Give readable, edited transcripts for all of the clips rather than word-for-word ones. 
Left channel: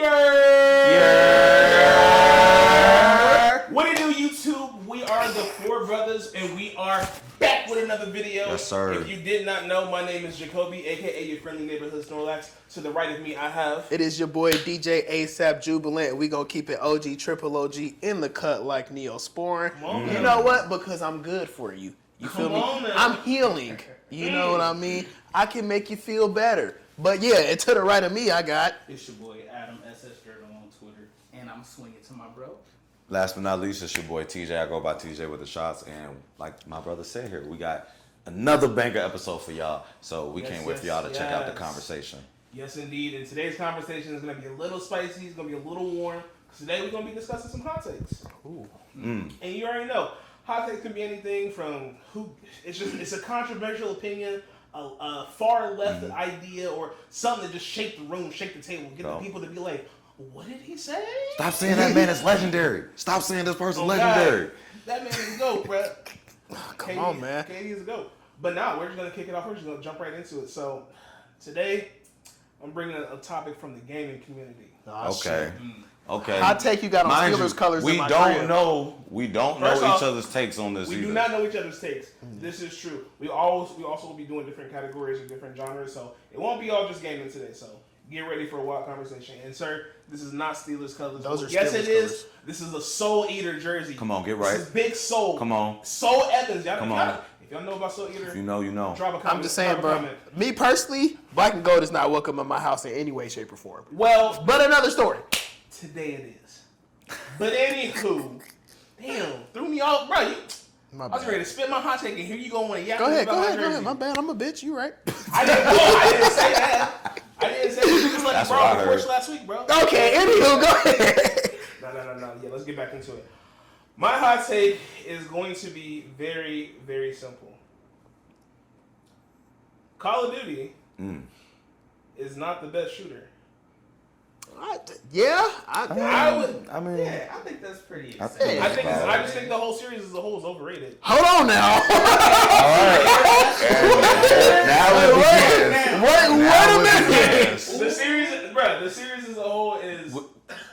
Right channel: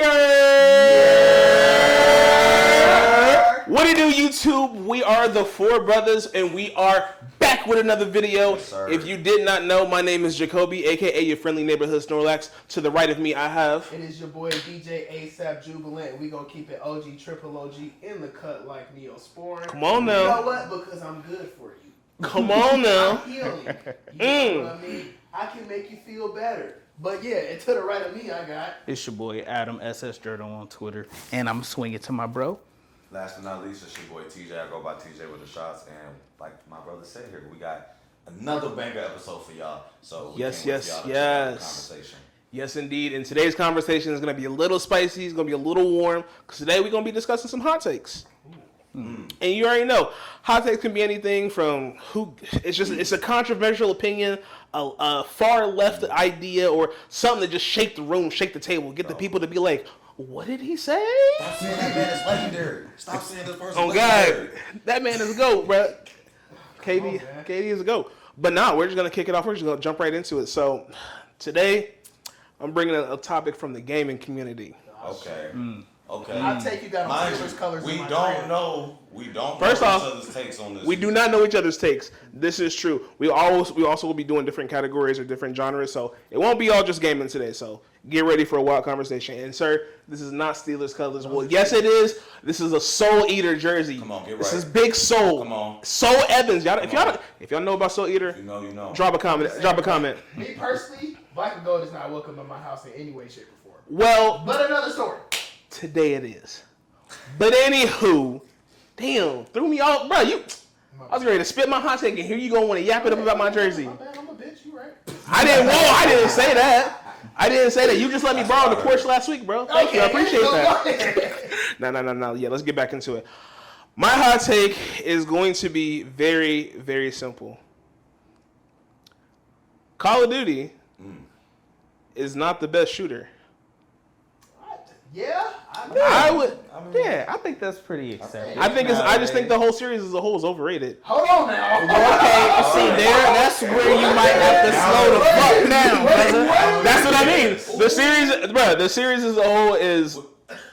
Yeah. What do you do, YouTube? We are the Four Brothers, and we are back with another video. Yes, sir. If you did not know, my name is Jacoby, aka your friendly neighborhood Snorlax. To the right of me, I have. It is your boy DJ ASAP Jubilant, and we gonna keep it OG, triple OG in the cut like Neosporin. Come on now. You know what? Because I'm good for you. Come on now. I'm healing. You know what I mean? I can make you feel better. But yeah, and to the right of me, I got. It's your boy Adam SS Journal on Twitter, and I'm swinging to my bro. Last but not least, it's your boy TJ. I go by TJ with the shots, and like my brother said here, we got another banger episode for y'all. So we can't wait for y'all to check out the conversation. Yes, indeed. And today's conversation is going to be a little spicy. It's going to be a little warm. Because today we're going to be discussing some hot takes. And you already know, hot takes can be anything from it's a controversial opinion, a far left idea, or something that just shake the room, shake the table, get the people to be like, what did he say? Stop saying that man is legendary. Stop saying this person's legendary. God. That man is a GOAT, bro. Come on, man. KD is a GOAT. But now we're just going to kick it off. We're just going to jump right into it. So today, I'm bringing a topic from the gaming community. Okay. Okay. I take you got on Mind Steelers you, colors we in my don't crib. know. We don't know First each off, other's takes on this. We do not know each other's takes. This is true. We also will be doing different categories or different genres, so it won't be all just gaming today. So get ready for a wild conversation. And sir, this is not Steelers colors. Well, yes, it is. This is a Soul Eater jersey. Come on, get right. This is Big Soul. Come on. Soul Evans. on. If y'all know about Soul Eater, If you know, you know. drop a comment. Saying, bro, comment. Me personally, black and gold is not welcome in my house in any way, shape, or form. Well, But another story. today it is. But anywho, damn, threw me off, bro. I was ready to spit my hot take, and here you go want to yap it up about my jersey. My bad, I'm a bitch. You right? I didn't say that. I didn't say that. You just let me borrow the porch last week, bro. Okay, go ahead. No. Yeah, let's get back into it. My hot take is going to be very, very simple. Call of Duty is not the best shooter. I would. Yeah, I think that's pretty exciting. I just think the whole series as a whole is overrated. Hold on now. The series as a whole is.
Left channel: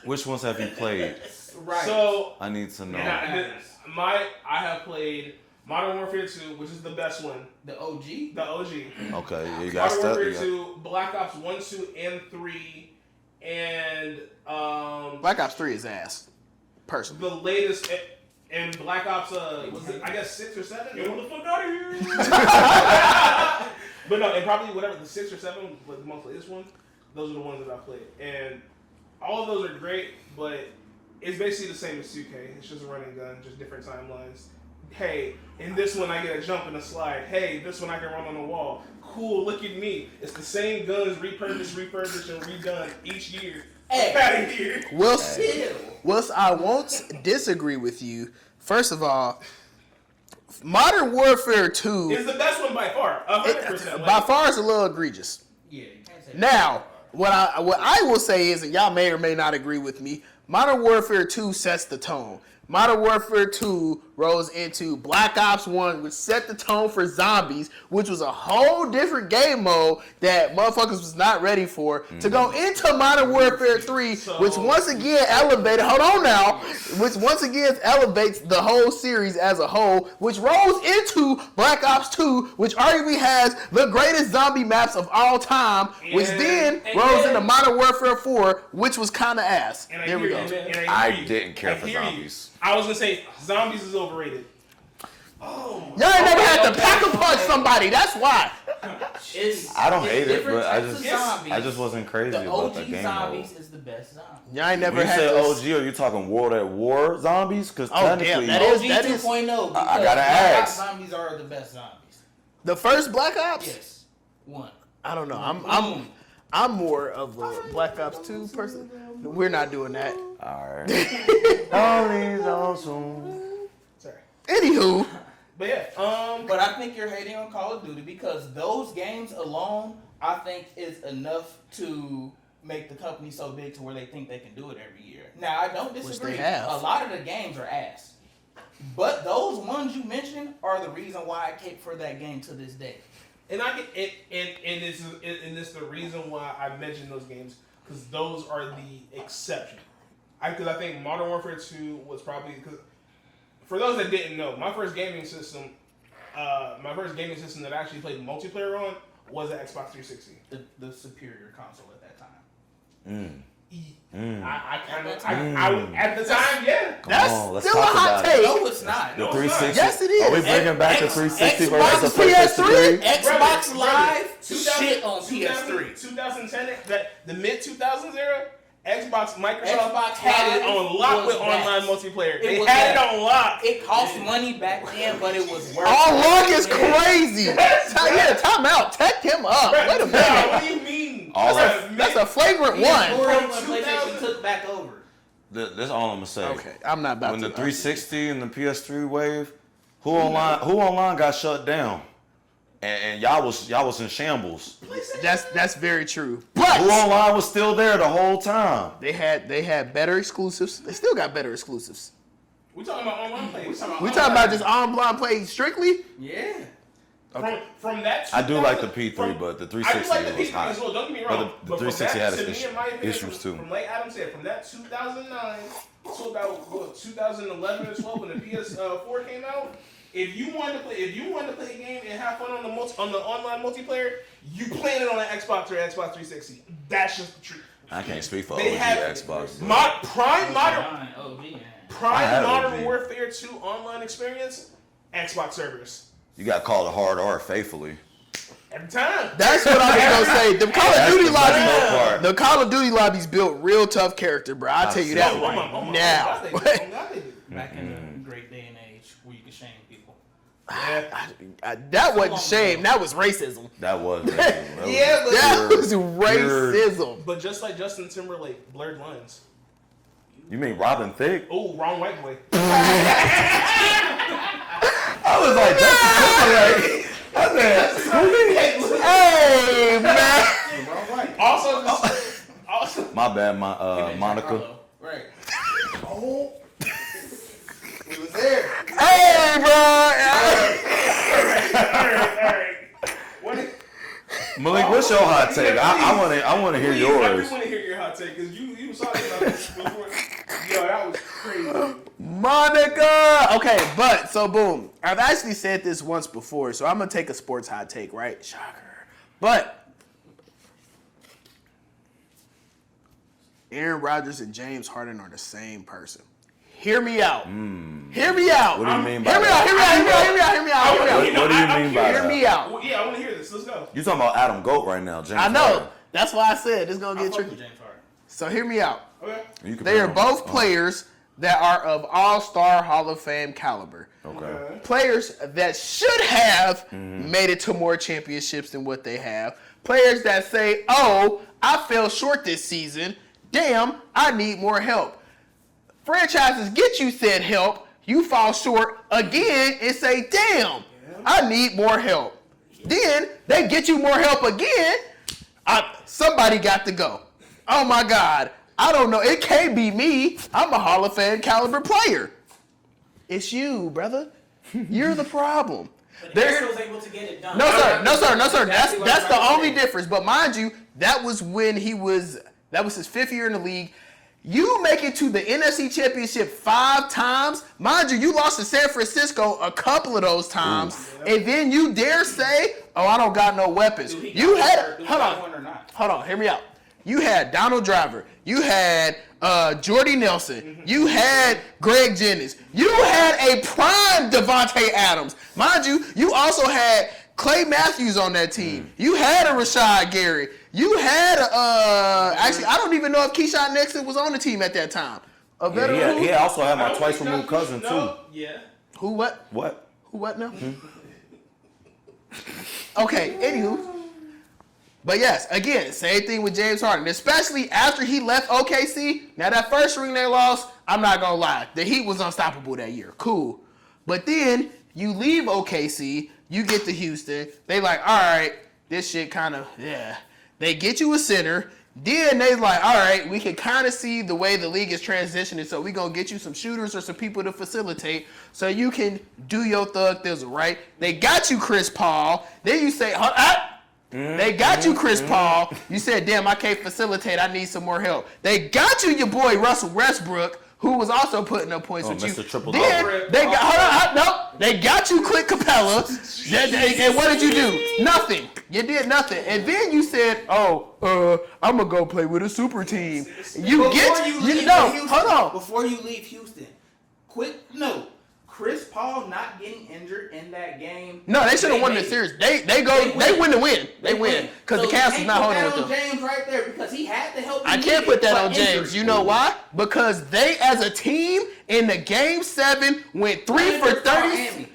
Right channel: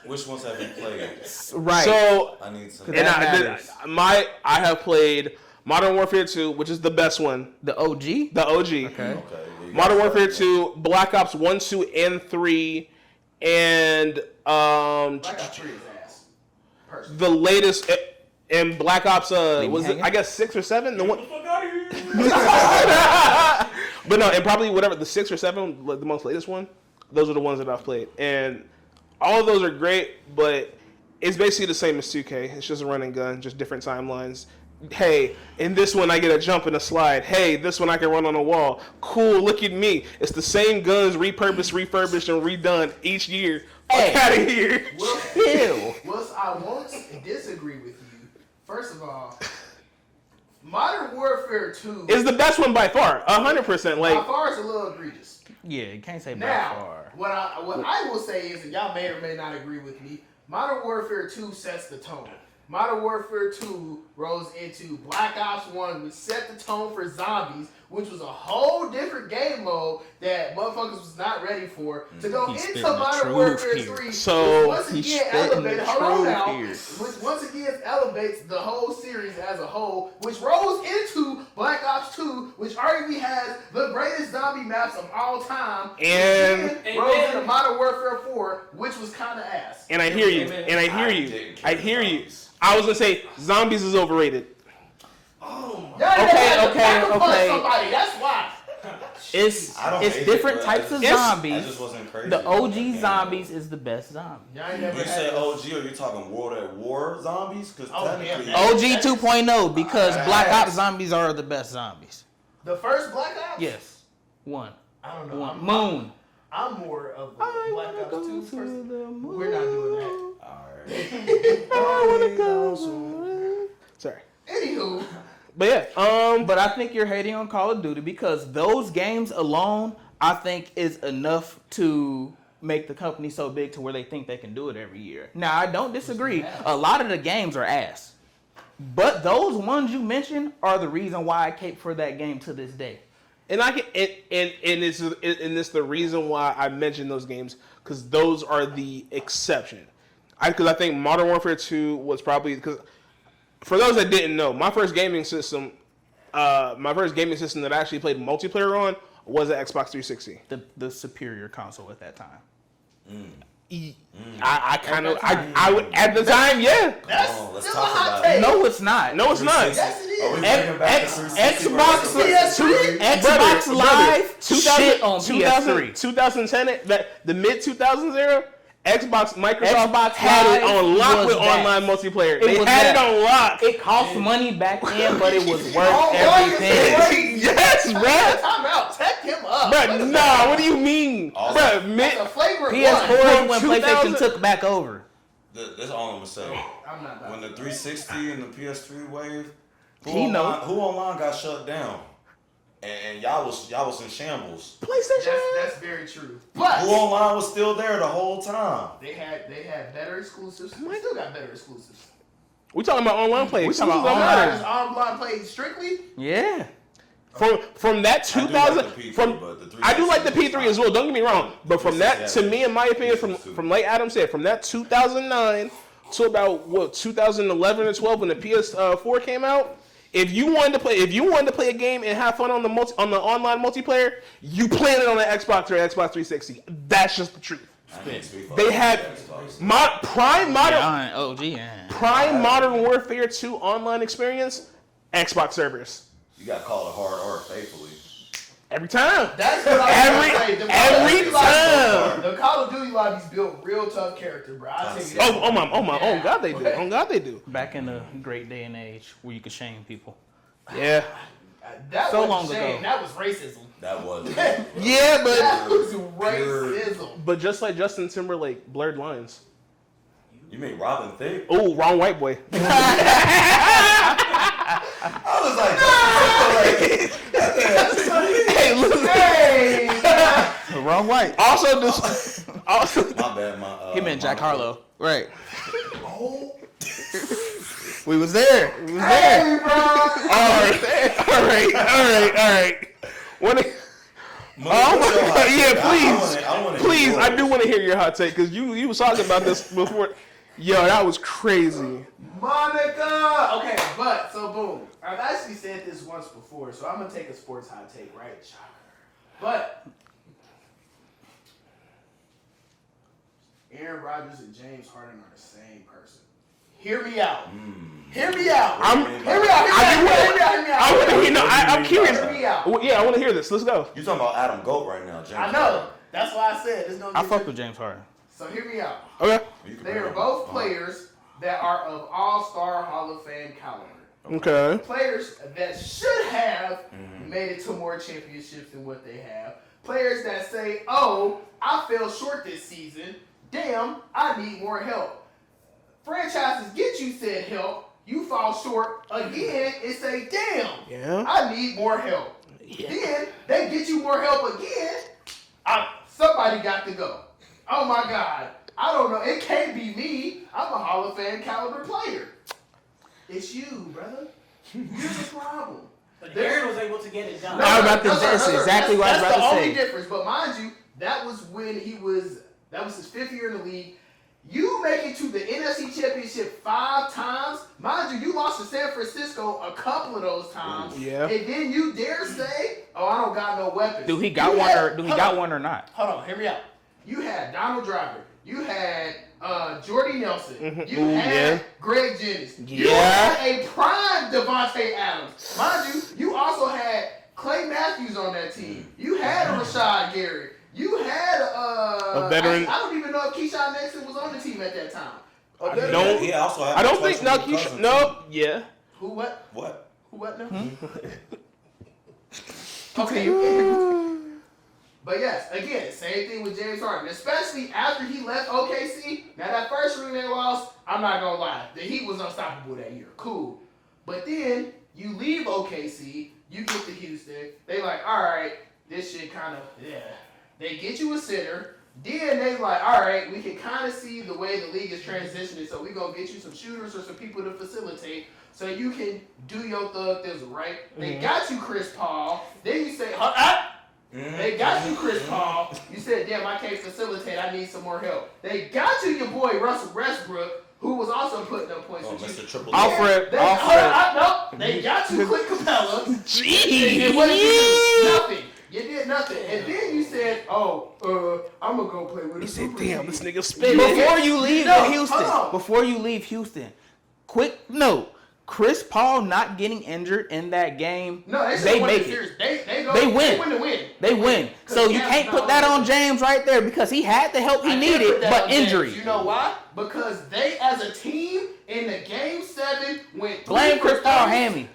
Which ones have you played? Right. So I need some. and I have played Modern Warfare 2, which is the best one. The OG? The OG. Okay. You got Modern stuff, Warfare you 2, Black Ops 1, 2, and 3, and Black Ops 3 is ass. Personally. the latest in Black Ops was it, I guess 6 or 7? The one. But no, and probably whatever the 6 or 7, the most latest one. Those are the ones that I've played, and all of those are great. But it's basically the same as 2K. It's just a run and gun, just different timelines. Hey, in this one I get a jump and a slide. Hey, this one I can run on a wall. Cool, look at me. It's the same guns repurposed, refurbished, and redone each year. Get out of here. Well, still, I won't disagree with you. First of all, Modern Warfare 2 It's the best one by far, 100%. by far is a little egregious. Yeah, you can't say Now, what I will say is, and y'all may or may not agree with me, Modern Warfare 2 sets the tone. Modern Warfare 2 rose into Black Ops 1, which set the tone for zombies, which was a whole different game mode that motherfuckers was not ready for. To go into Modern Warfare 3, which once again elevated, which once again elevates the whole series as a whole, which rose into Black Ops 2, which arguably has the greatest zombie maps of all time, which then rose into Modern Warfare 4, which was kind of ass. And I hear you. And I hear you. didn't care I for hear you. zombies. I was gonna say zombies is overrated. Y'all ain't never had to pack a punch somebody. That's why. I don't hate It's different it, but types of zombies. I just wasn't crazy. The about OG game zombies mode. is the best zombie. Y'all ain't never When you had say those- OG, are you talking World at War zombies? Because damn, technically, OG that is- 2.0 because gotta Black Ops ask. zombies are the best zombies. The first Black Ops? Yes. One. I don't know. Moon. I'm more of a Black Ops 2 person. We're not doing that. alright. Sorry. Anywho, But yeah, But I think you're hating on Call of Duty because those games alone, I think, is enough to make the company so big to where they think they can do it every year. Now, I don't disagree. have. A lot of the games are ass. But those ones you mentioned are the reason why I cape for that game to this day. and I can, and it's the reason why I mentioned those games, because those are the exception. Because I think Modern Warfare 2 was probably, because for those that didn't know, my first gaming system that I actually played multiplayer on was an Xbox 360. The superior console at that time. I would at the time, yeah. That's still a hot take. No, it's not. No, it's not. Yes, it is. Are we bringing back the 360 Xbox versus PS3, PS3? Xbox Live, shit on 2000, PS3. 2010, the mid 2000s era, Microsoft Xbox had it Live on lock was with that. online multiplayer. It They was had that. it on lock. It cost money back then, but it was worth Lock is everything. crazy. Yes, Yeah, time out. Tech him up. Bruh, nah, what do you mean? That's a flagrant PS4 when 2000 PlayStation took back over. That's all I'm gonna say. Okay, I'm not about When to. the 360 and the PS3 wave, who He online got shut down, and y'all was in shambles. That's very true. Who But online was still there the whole time. they had better exclusives. They still got better exclusives. We talking about online play. We talking We talking about just online play strictly. Yeah. From that I 2000. do like the P3, but the 360 I do like the was P3 hot. as well. Don't get me wrong. The But from 360 that, had to me, in my opinion, issues too. from like Adam said, from that 2009 to about 2011 or 12 when the PS4 came out. If you wanted to play a game and have fun on the online multiplayer, you playing it on an Xbox or Xbox 360. That's just the truth. I can't speak for They other had Xbox. Prime I Modern Warfare 2 online experience, Xbox servers. You got called a hard R faithfully. Every time. That's what I was gonna say. The Call of Duty time. lobbies, the Call of Duty lobbies built real tough character, bro. I'll tell you that. Oh God, they do. Oh God, they do. Back in the great day and age where you could shame people. Yeah. That So long wasn't shame. ago. That was racism. That was. Yeah, but that was racism. But just like Justin Timberlake, blurred lines. You mean Robin Thicke? Oh, wrong white boy. I was like, Hey, man. Wrong way. Also, my bad. He meant Jack Monica. Harlow. Right. We was there. Hey, bro. all right. When it, Monica, what's your hot yeah, take? I want to hear please, yours. I do want to hear your hot take because you was talking about this before. Yo, that was crazy. Monica. Okay, but so boom. I've actually said this once before, so I'm gonna take a sports hot take, right? Shocker. But Aaron Rodgers and James Harden are the same person. Hear me out. Hear me out. What do you mean by Hear me that? out. Hear me out. I want to hear. No, What do you I'm mean curious. by that? Hear me out. Well, yeah, I want to hear this. Let's go. You talking about Adam Goat right now, James? I know. Harden. That's why I said it's gonna I get fuck tricky. with James Harden. So hear me out. Okay. You can They are put both on. players that are of all-star Hall of Fame caliber. Okay. Players that should have made it to more championships than what they have. Players that say, oh, I fell short this season. Damn, I need more help. Franchises get you said help. You fall short again and say, damn, Yeah. I need more help. Then they get you more help again. Somebody got to go. Oh my God. I don't know. It can't be me. I'm a Hall of Fame caliber player. It's you, brother. You're the problem. But Aaron was able to get it done. No, sir. That's exactly what I was That's the about to only say. difference. But mind you, that was his fifth year in the league. You make it to the NFC Championship 5 times. Mind you, you lost to San Francisco a couple of those times. Yeah. And then you dare say, oh, I don't got no weapons. Do he You got one had- or do he hold got on. one or not? Hold on, hear me out. You had Donald Driver. You had Jordy Nelson. You had Greg Jennings. You had a prime Devontae Adams. Mind you, you also had Clay Matthews on that team. You had a Rashad Gary. You had veteran. actually, I don't even know if Keyshawn Nixon was on the team at that time. A veteran. No, he also had I my don't twice think removed no. cousin No. too. Yeah. Who what? What? Who what now? Okay, anywho. But yes, again, same thing with James Harden, especially after he left OKC. Now that first ring they lost, I'm not gonna lie, the Heat was unstoppable that year. Cool. But then you leave OKC, you get to Houston, they like, all right, this shit kind of, yeah. They get you a center, then they like, all right, we can kind of see the way the league is transitioning, so we gonna get you some shooters or some people to facilitate so you can do your thug thizzle, right? They got you Chris Paul, then you say, They got you, Chris Paul. You said, damn, I can't facilitate. I need some more help. They got you, your boy Russell Westbrook, who was also putting up points with Mr. you. Triple They got you, Clint Capella. And what did you do? Nothing. You did nothing. And then you said, I'm going to go play with a super team. Before you leave Houston, quick note. Chris Paul not getting injured in that game. No, they should have won the series. They win the win. They win. So you can't put that on James right there because he had the help he needed, put that but on injury. James. You know why? Because they, as a team, in the game 7, went 3 for 30.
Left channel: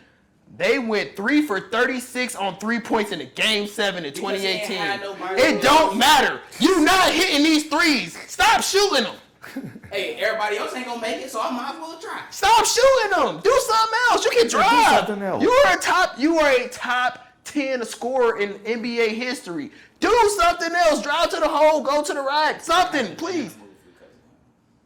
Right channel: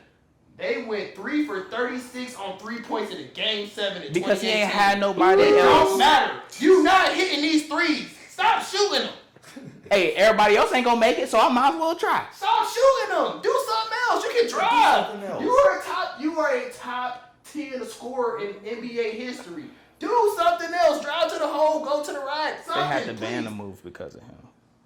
They went 3 for 36 on 3 points in the game 7 in 2018. Because he ain't had nobody It else. don't matter. You not hitting these threes. Stop shooting them. Hey, everybody else ain't gonna make it, so I might as well try. Stop shooting them. Do something else. You can drive. something else. You are a top 10 scorer in NBA history. Do something else. Drive to the hole. Go to the right. Something, please. Move because of him.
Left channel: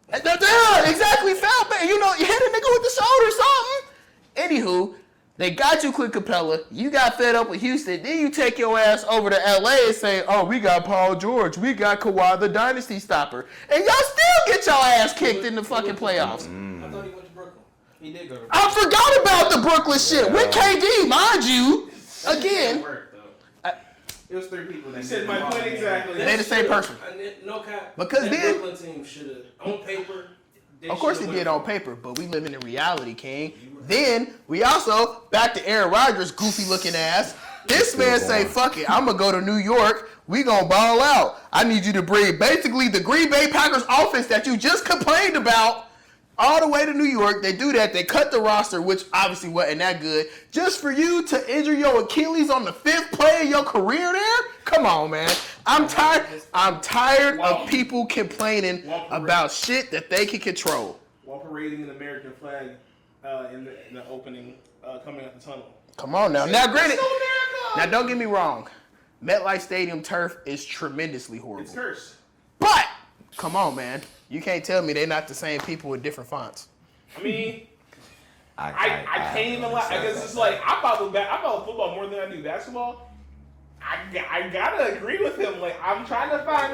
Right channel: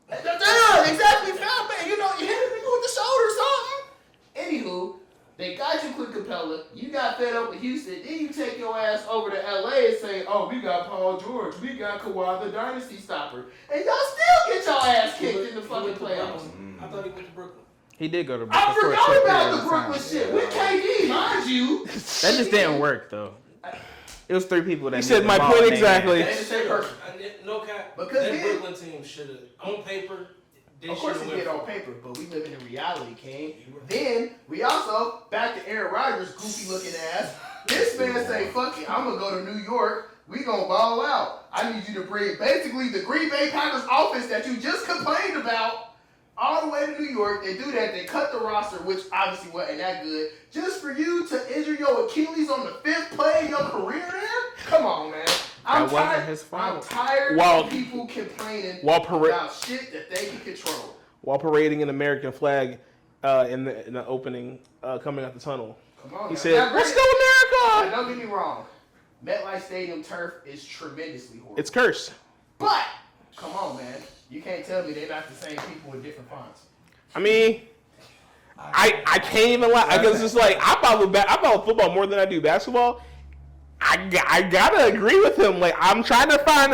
Exactly. Foul bait. You hit a nigga with the shoulder. Something. Anywho, they got you, Clint Capella. You got fed up with Houston. Then you take your ass over to LA and say, we got Paul George. We got Kawhi, the dynasty stopper. And y'all still get your ass kicked in the fucking playoffs. I thought he went to Brooklyn. He did go to I Brooklyn. forgot about the Brooklyn shit. With KD, mind you. That just didn't work, though. It was 3 people that He said my point exactly. They the same person. No cap. Because that then- Brooklyn team should have, on paper. Of course he did on paper, but we live in reality, King. Then we also, back to Aaron Rodgers' goofy looking ass. This man say, fuck it, I'm going to go to New York. We going to ball out. I need you to bring basically the Green Bay Packers offense that you just complained about all the way to New York. They do that. They cut the roster, which obviously wasn't that good. Just for you to injure your Achilles on the 5th play of your career there? Come on, man. I'm tired of people complaining about shit that they can control. While parading an American flag in the opening coming out the tunnel. Come on now. Said, Now, granted, "Let's go, America!" now, don't get me wrong. MetLife Stadium turf is tremendously horrible. It's cursed. But, come on, man. You can't tell me they're not the same people with different fonts. I mean, I can't even lie. Because it's just like, I follow football more than I do basketball. I gotta agree with him. Like, I'm trying to find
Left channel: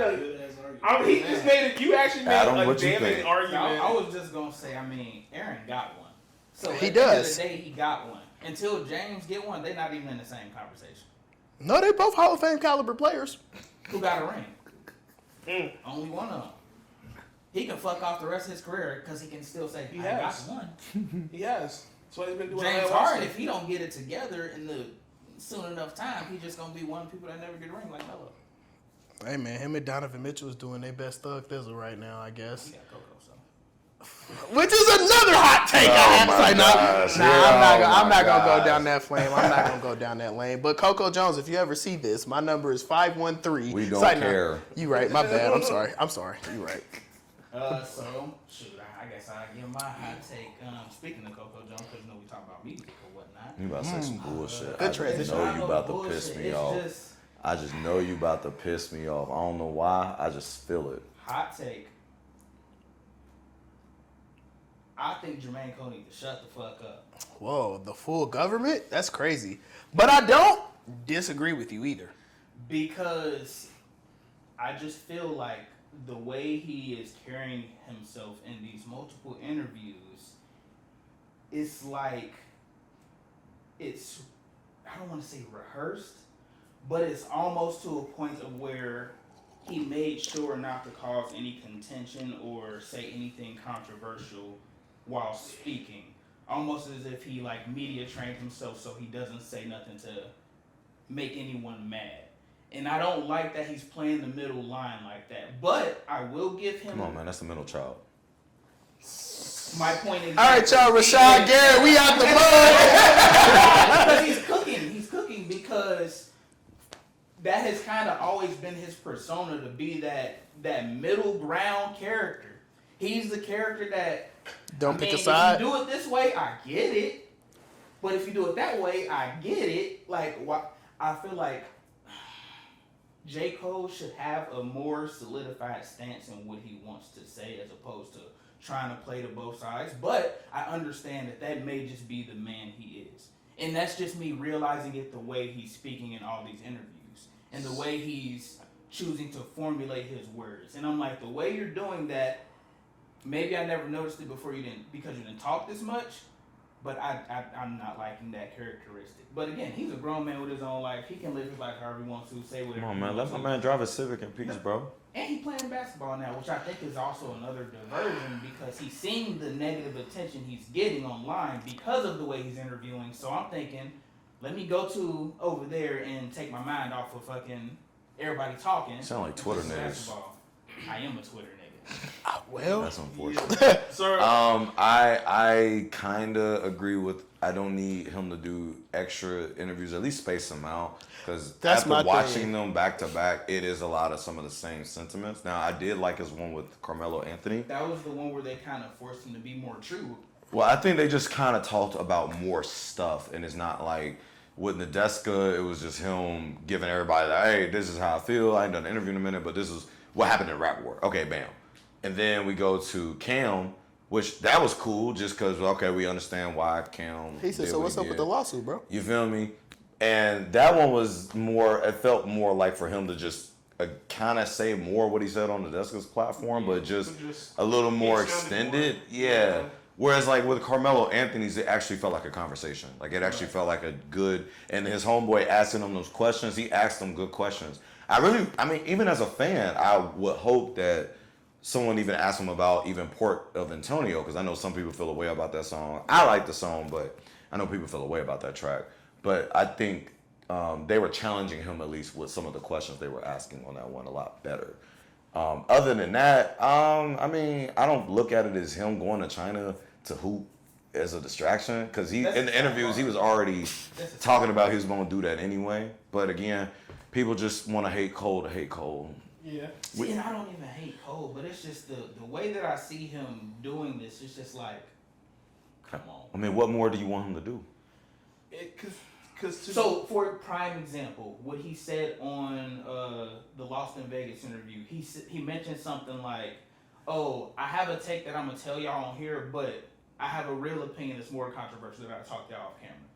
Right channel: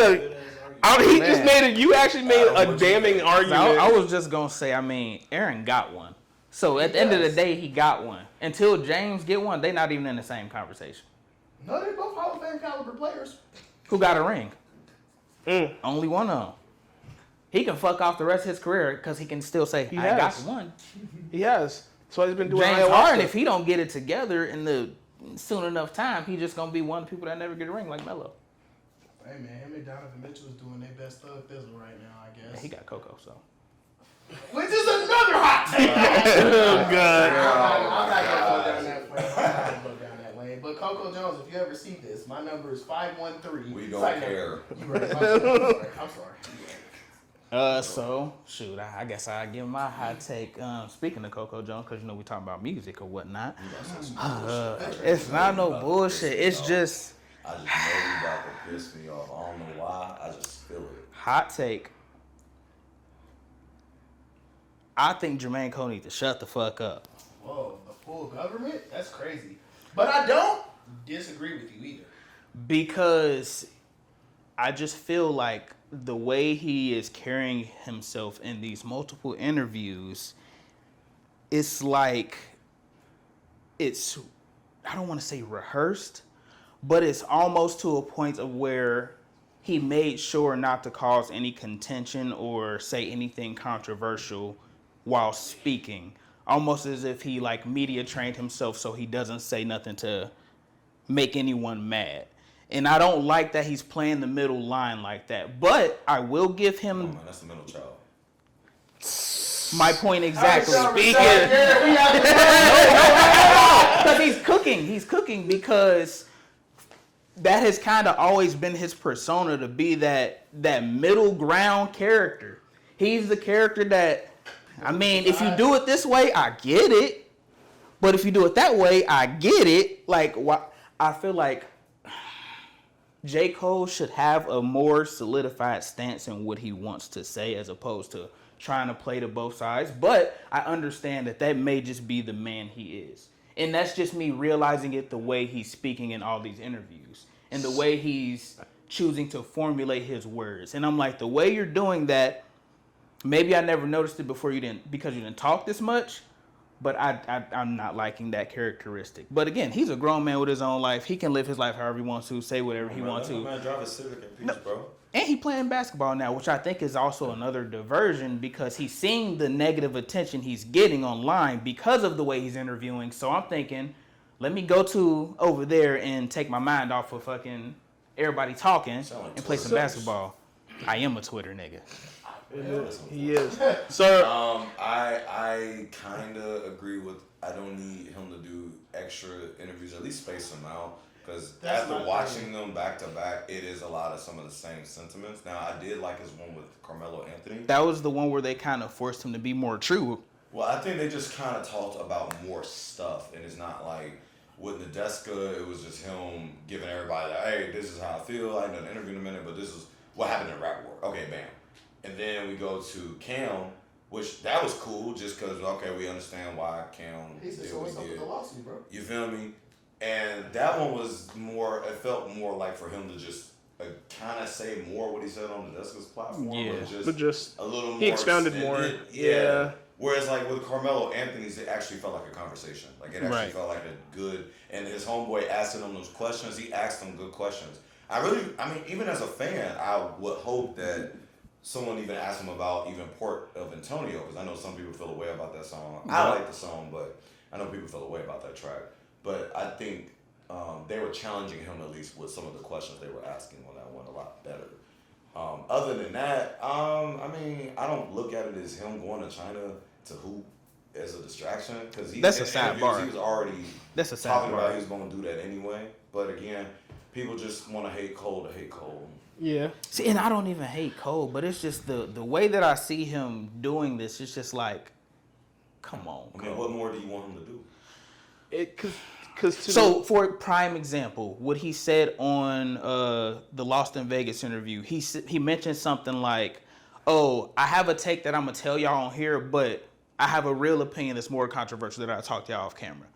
you actually made a damning argument. I was just going to say, Aaron got one. So at the end of the day, he got one. Until James get one, they're not even in the same conversation. No, they both Hall of Fame caliber players. Who got a ring? Only one of them. He can fuck off the rest of his career because he can still say, I got one. He has. That's what he's been doing. James Harden, if he don't get it together in the soon enough time, he just going to be one of the people that never get a ring like Melo. Hey, man, him and Donovan Mitchell is doing their best thug thizzle right now, I guess. He got Coco, so. Which is another hot take. I'm not going to go down that flame. I'm not going to go down that lane. But Coco Jones, if you ever see this, my number is 513. We don't care. You right. My bad. I'm sorry. You right. So, shoot, I guess I give my hot take. Speaking of Coco Jones, because we talking about music or whatnot. You about to say some bullshit. It's not no bullshit. It's just... I just know you about to piss me off. I don't know why. I just feel it. Hot take. I think Jermaine Cole needs to shut the fuck up. Whoa, the full government? That's crazy. But I don't disagree with you either. Because I just feel like the way he is carrying himself in these multiple interviews, it's like it's, I don't want to say rehearsed, but it's almost to a point of where he made sure not to cause any contention or say anything controversial while speaking. Almost as if he like media trained himself so he doesn't say nothing to make anyone mad. And I don't like that he's playing the middle line like that. But I will give him... Come on, man. That's the middle child. My point exactly. All right, y'all. Rashad Garrett, we out the Because he's cooking. He's cooking because that has kind of always been his persona, to be that middle ground character. He's the character that, if you do it this way, I get it. But if you do it that way, I get it. Like, I feel like J. Cole should have a more solidified stance in what he wants to say as opposed to trying to play to both sides. But I understand that may just be the man he is. And that's just me realizing it the way he's speaking in all these interviews. and the way he's choosing to formulate his words. And I'm like, the way you're doing that, maybe I never noticed it before because you didn't talk this much, but I'm not liking that characteristic. But again, he's a grown man with his own life. He can live his life however he wants to, say whatever he wants to. Let my man drive a Civic in peace, bro. And he playing basketball now, which I think is also another diversion because he's seeing the negative attention he's getting online because of the way he's interviewing. So I'm thinking, let me go to over there and take my mind off of fucking everybody talking and play some basketball. I am a Twitter nigga. Well, That's unfortunate. Sir, I kind of agree with. I don't need him to do extra interviews. At least space them out, because after watching them back to back, it is a lot of some of the same sentiments. Now, I did like his one with Carmelo Anthony. That was the one where they kind of forced him to be more true. Well, I think they just kind of talked about more stuff, and it's not like with Nadeska, it was just him giving everybody like, hey, this is how I feel. I ain't done an interview in a minute, but this is what happened in Rap War. Okay, bam. And then we go to Cam, which that was cool just because, okay, we understand why Cam. He said, so what's up with the lawsuit, bro? You feel me? And that one was more, it felt more like for him to just kind of say more what he said on Nadeska's platform, but just a little more extended. More. Yeah. Whereas like with Carmelo Anthony's, it actually felt like a conversation. Like it actually felt like a good, and his homeboy asking him those questions, he asked them good questions. I mean, even as a fan, I would hope that someone even asked him about even Port of Antonio, because I know some people feel a way about that song. I like the song, but I know people feel a way about that track. But I think they were challenging him at least with some of the questions they were asking on that one a lot better. Other than that, I mean, I don't look at it as him going to China to hoop as a distraction, because he in the interviews he was already talking about he was going to do that anyway. But again, people just want to hate Cole to hate Cole. Yeah. See, and I don't even hate Cole, but it's just the way that I see him doing this. It's just like, come on. I mean, what more do you want him to do? So, for a prime example, what he said on the Lost in Vegas interview, he mentioned something like, "Oh, I have a take that I'm gonna tell y'all on here, but I have a real opinion that's more controversial that I talk to y'all off camera."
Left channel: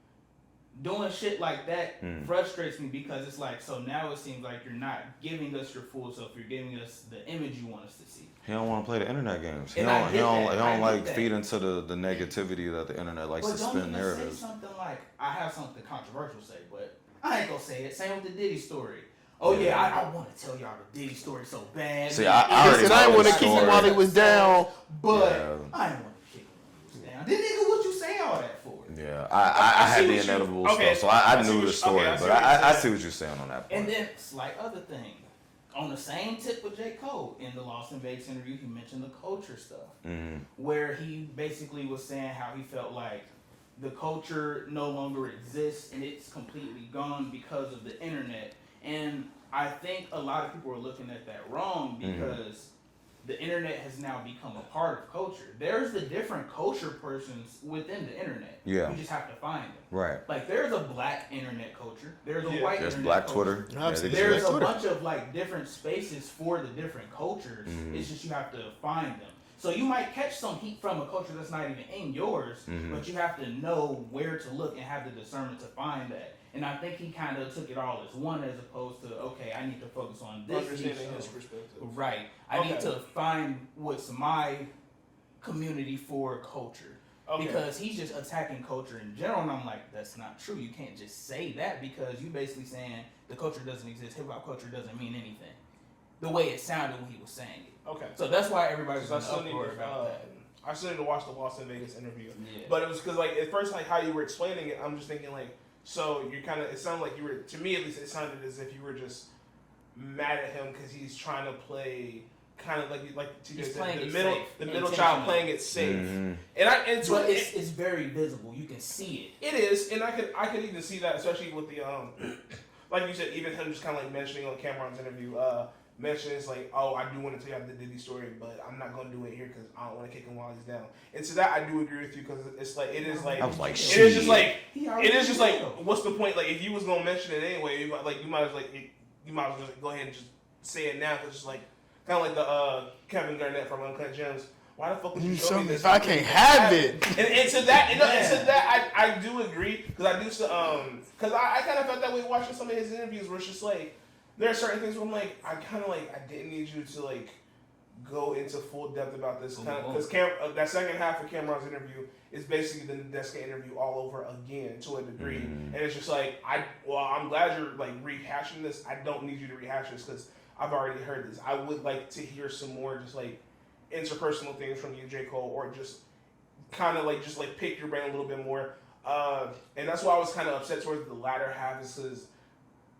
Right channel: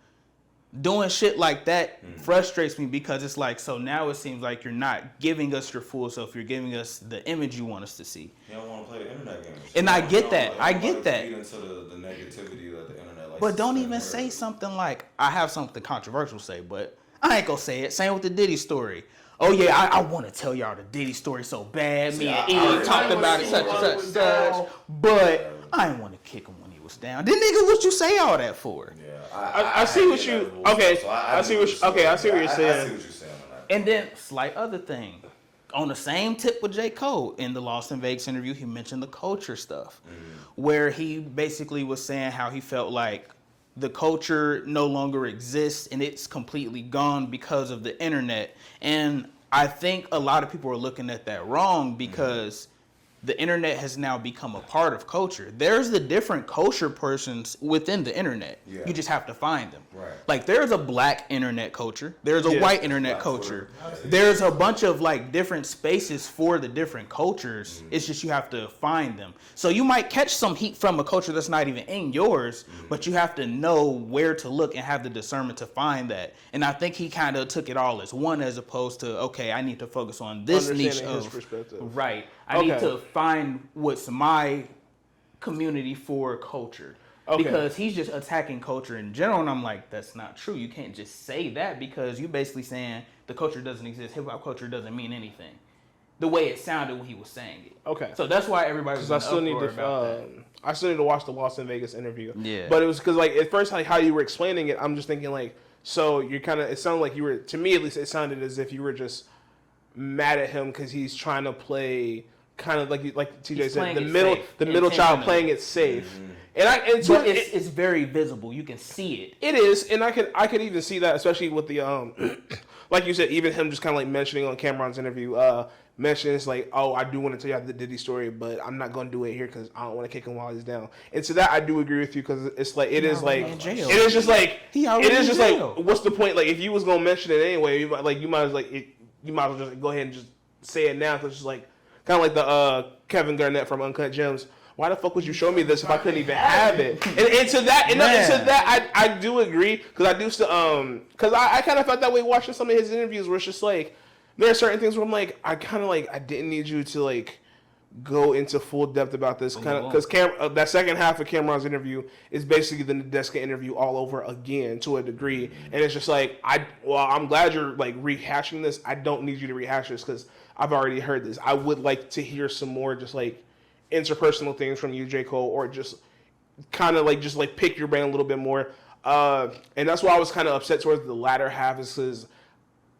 Doing shit like that frustrates me because it's like, so now it seems like you're not giving us your full self. You're giving us the image you want us to see. He don't want to play the internet games. And I get that. I get that. Feed into the negativity that the internet likes. But don't even say something like, I have something controversial to say, but I ain't gonna say it. Same with the Diddy story. Oh yeah, I want to tell y'all the Diddy story so bad. See, I want to keep him while he was down, but I didn't want to kick him when he was down. Then nigga, what you say all that for? Yeah, I see what you. Okay, so I see what you're saying. I see what you're saying on that. And then slight other thing. On the same tip with J. Cole, in the Lost in Vegas interview, he mentioned the culture stuff, where he basically was saying how he felt like the culture no longer exists and it's completely gone because of the internet. And I think a lot of people are looking at that wrong because the internet has now become a part of culture. There's the different culture persons within the internet. Yeah. You just have to find them. Right. Like there's a black internet culture. There's a white internet culture. There's a bunch of like different spaces for the different cultures. It's just you have to find them. So you might catch some heat from a culture that's not even in yours, but you have to know where to look and have the discernment to find that. And I think he kind of took it all as one, as opposed to, okay, I need to focus on this niche of his perspective. Right. I need to find what's my community for culture. Because he's just attacking culture in general, and I'm like, that's not true. You can't just say that because you basically saying the culture doesn't exist. Hip hop culture doesn't mean anything. The way it sounded when he was saying it. Okay. So that's why everybody was I still need to watch the Lost in Vegas interview. Yeah. But it was because like at first like how you were explaining it, I'm just thinking like, so you're kind of, it sounded like you were, to me at least, it sounded as if you were just mad at him because he's trying to play kind of like TJ said, the middle child playing it safe. And but it's very visible. You can see it. It is, and I could even see that, especially with the like you said, even him just kind of like mentioning on Cameron's interview, mentions like, oh, I do want to tell you the Diddy story, but I'm not going to do it here because I don't want to kick him while he's down. And to that, I do agree with you because it's like it is just like what's the point? Like if you was gonna mention it anyway, you might as well just go ahead and just say it now because it's like kind of like the Kevin Garnett from Uncut Gems. Why the fuck would you show me this if I can't even have it? And to that, I do agree because I do still because I kind of felt that way watching some of his interviews where it's just like, there are certain things where I'm like, I kind of like, I didn't need you to like go into full depth about this kind of, because that second half of Cameron's interview is basically the Nadeska interview all over again to a degree, and it's just like, I'm glad you're like rehashing this. I don't need you to rehash this because I've already heard this. I would like to hear some more just like interpersonal things from you, J. Cole, or just kind of like just like pick your brain a little bit more. And that's why I was kind of upset towards the latter half, is because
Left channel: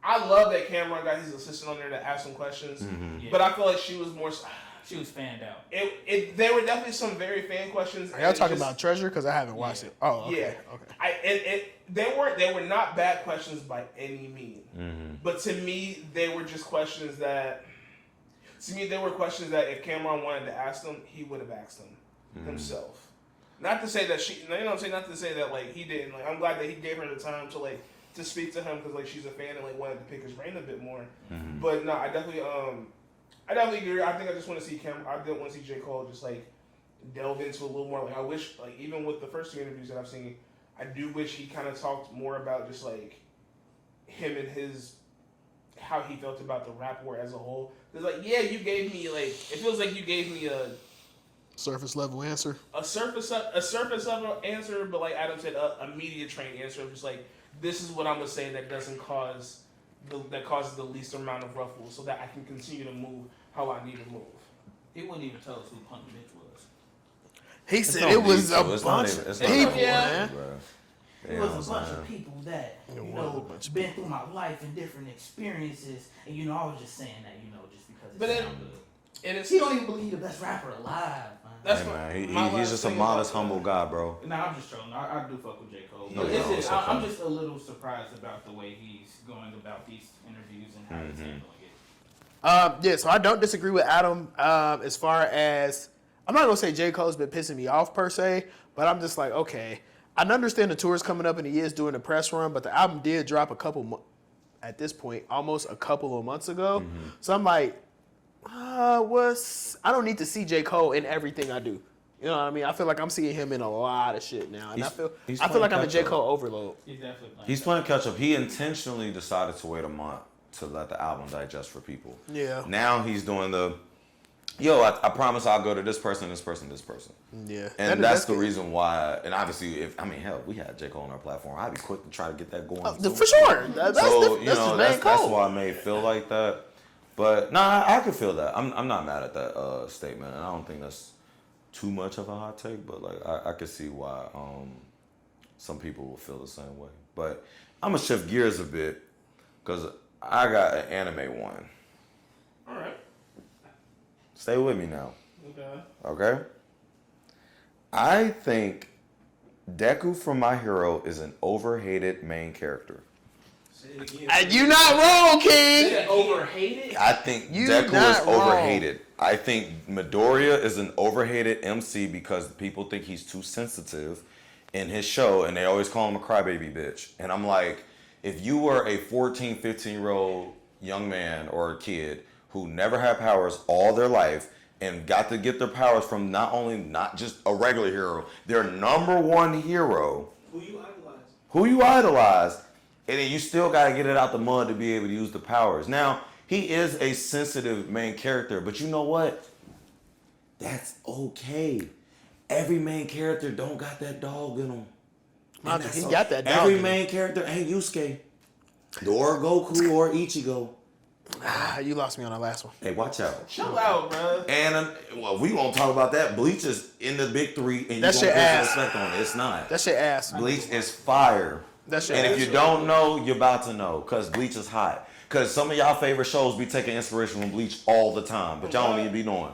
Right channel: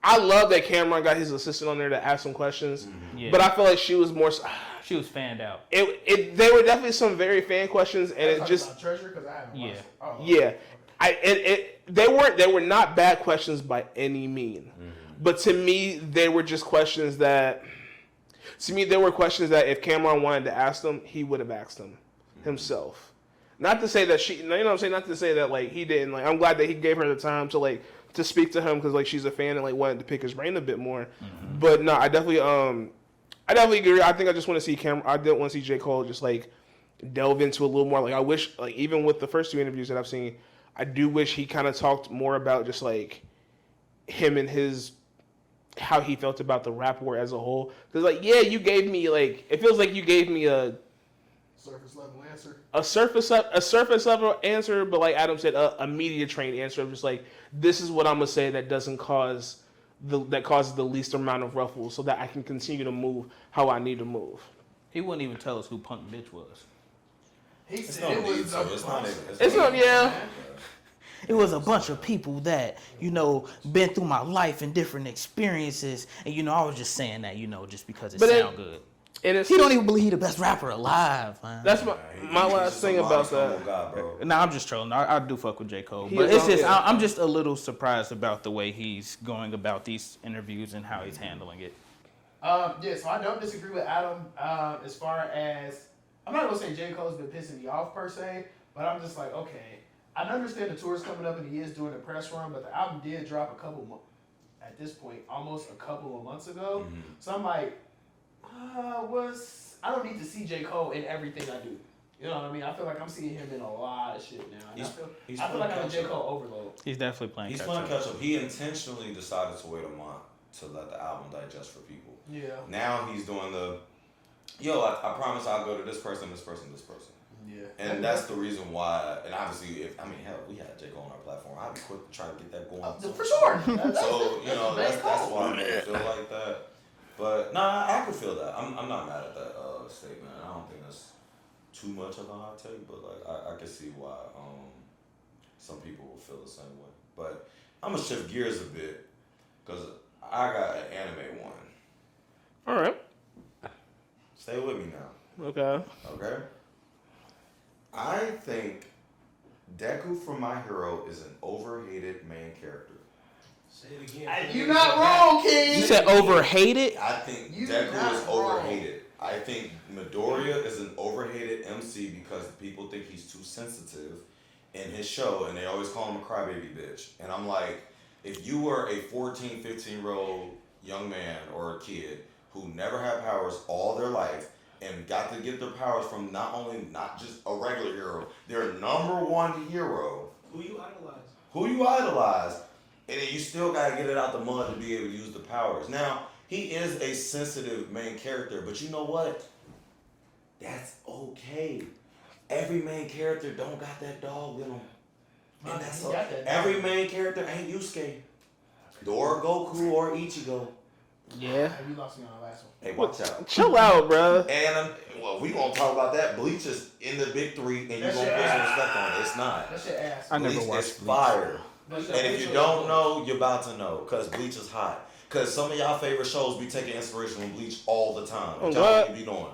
I love that Cameron got his assistant on there to ask some questions, but I feel like she was more. She was fanned out. There were definitely some very fan questions. Are you talking about Treasure? Because I haven't watched it. Oh, yeah. Okay. They were not bad questions by any mean, but to me they were just questions that. To me, there were questions that if Cameron wanted to ask them, he would have asked them himself. Not to say that she, you know what I'm saying? Not to say that like he didn't. Like, I'm glad that he gave her the time to like to speak to him because like she's a fan and like wanted to pick his brain a bit more. But no, I definitely agree. I think I just want to see I didn't want to see J. Cole just like delve into a little more. Like I wish, like even with the first two interviews that I've seen, I do wish he kind of talked more about just like him and how he felt about the rap war as a whole. Because like, yeah, you gave me like, it feels like you gave me a surface level answer. A surface level answer, but like Adam said, a media trained answer of just like, this is what I'm gonna say that doesn't cause that causes the least amount of ruffles, so that I can continue to move how I need to move. He wouldn't even tell us who Punk Bitch was. He said it was a bunch of people. Yeah. It was a bunch of people that, you know, been through my life and different experiences. And, you know, I was just saying that, you know, just because it sound good. And he don't even believe he the best rapper alive, man. That's my last just thing a about humble guy, bro. Nah, I'm just trolling. I do fuck with J. Cole. But it's just, I'm just a little surprised about the way he's going about these interviews and how he's handling it. Yeah, so I don't disagree with Adam as far as, I'm not going to say J. Cole's been pissing me off per se, but I'm just like, okay, I understand the tour's coming up and he is doing the press run, but the album did drop at this point, almost a couple of months ago. So I'm like, I don't need to see J. Cole in everything I do. You know what I mean? I feel like I'm seeing him in a lot of shit now. And I feel like I'm a J. Cole overload. He's definitely playing He's playing catch up. He intentionally decided to wait a month to let the album digest for people. Yeah. Now he's doing I promise I'll go to this person, this person, this person. Yeah. And that's the reason why, and obviously, hell, we had J. Cole on our platform. I'd be quick to try to get that going. For sure. That's why I made it feel like that. But, I can feel that. I'm not mad at that statement, and I don't think that's too much of a hot take, but like I can see why some people will feel the same way. But I'm going to shift gears a bit, because I got an anime one. All right. Stay with me now. Okay. I think Deku from My Hero is an overhated main character. Say it again. You're not wrong, King. You said overhated? I think Deku is overhated. I think Midoriya is an overhated MC because people think he's too sensitive in his show, and they always call him a crybaby bitch. And I'm like, if you were a 14, 15-year-old young man or a kid who never had powers all their life and got to get their powers from not just a regular hero, their number one hero. Who you idolize. And then you still got to get it out the mud to be able to use the powers. Now, he is a sensitive main character, but you know what? That's okay. Every main character don't got that dog in them. He got that dog. Every main character ain't Yusuke. Or Goku or Ichigo. Yeah, you lost me on the last one. Hey, watch out. Chill out, bro. And, we won't talk about that. Bleach is in the big three, and you That don't shit put ass. respect on it. It's not. That shit ass. Bleach is fire. That shit And ass. if you don't know, you're about to know, because Bleach is hot. Because some of y'all favorite shows be taking inspiration from Bleach all the time. But y'all need to be knowing.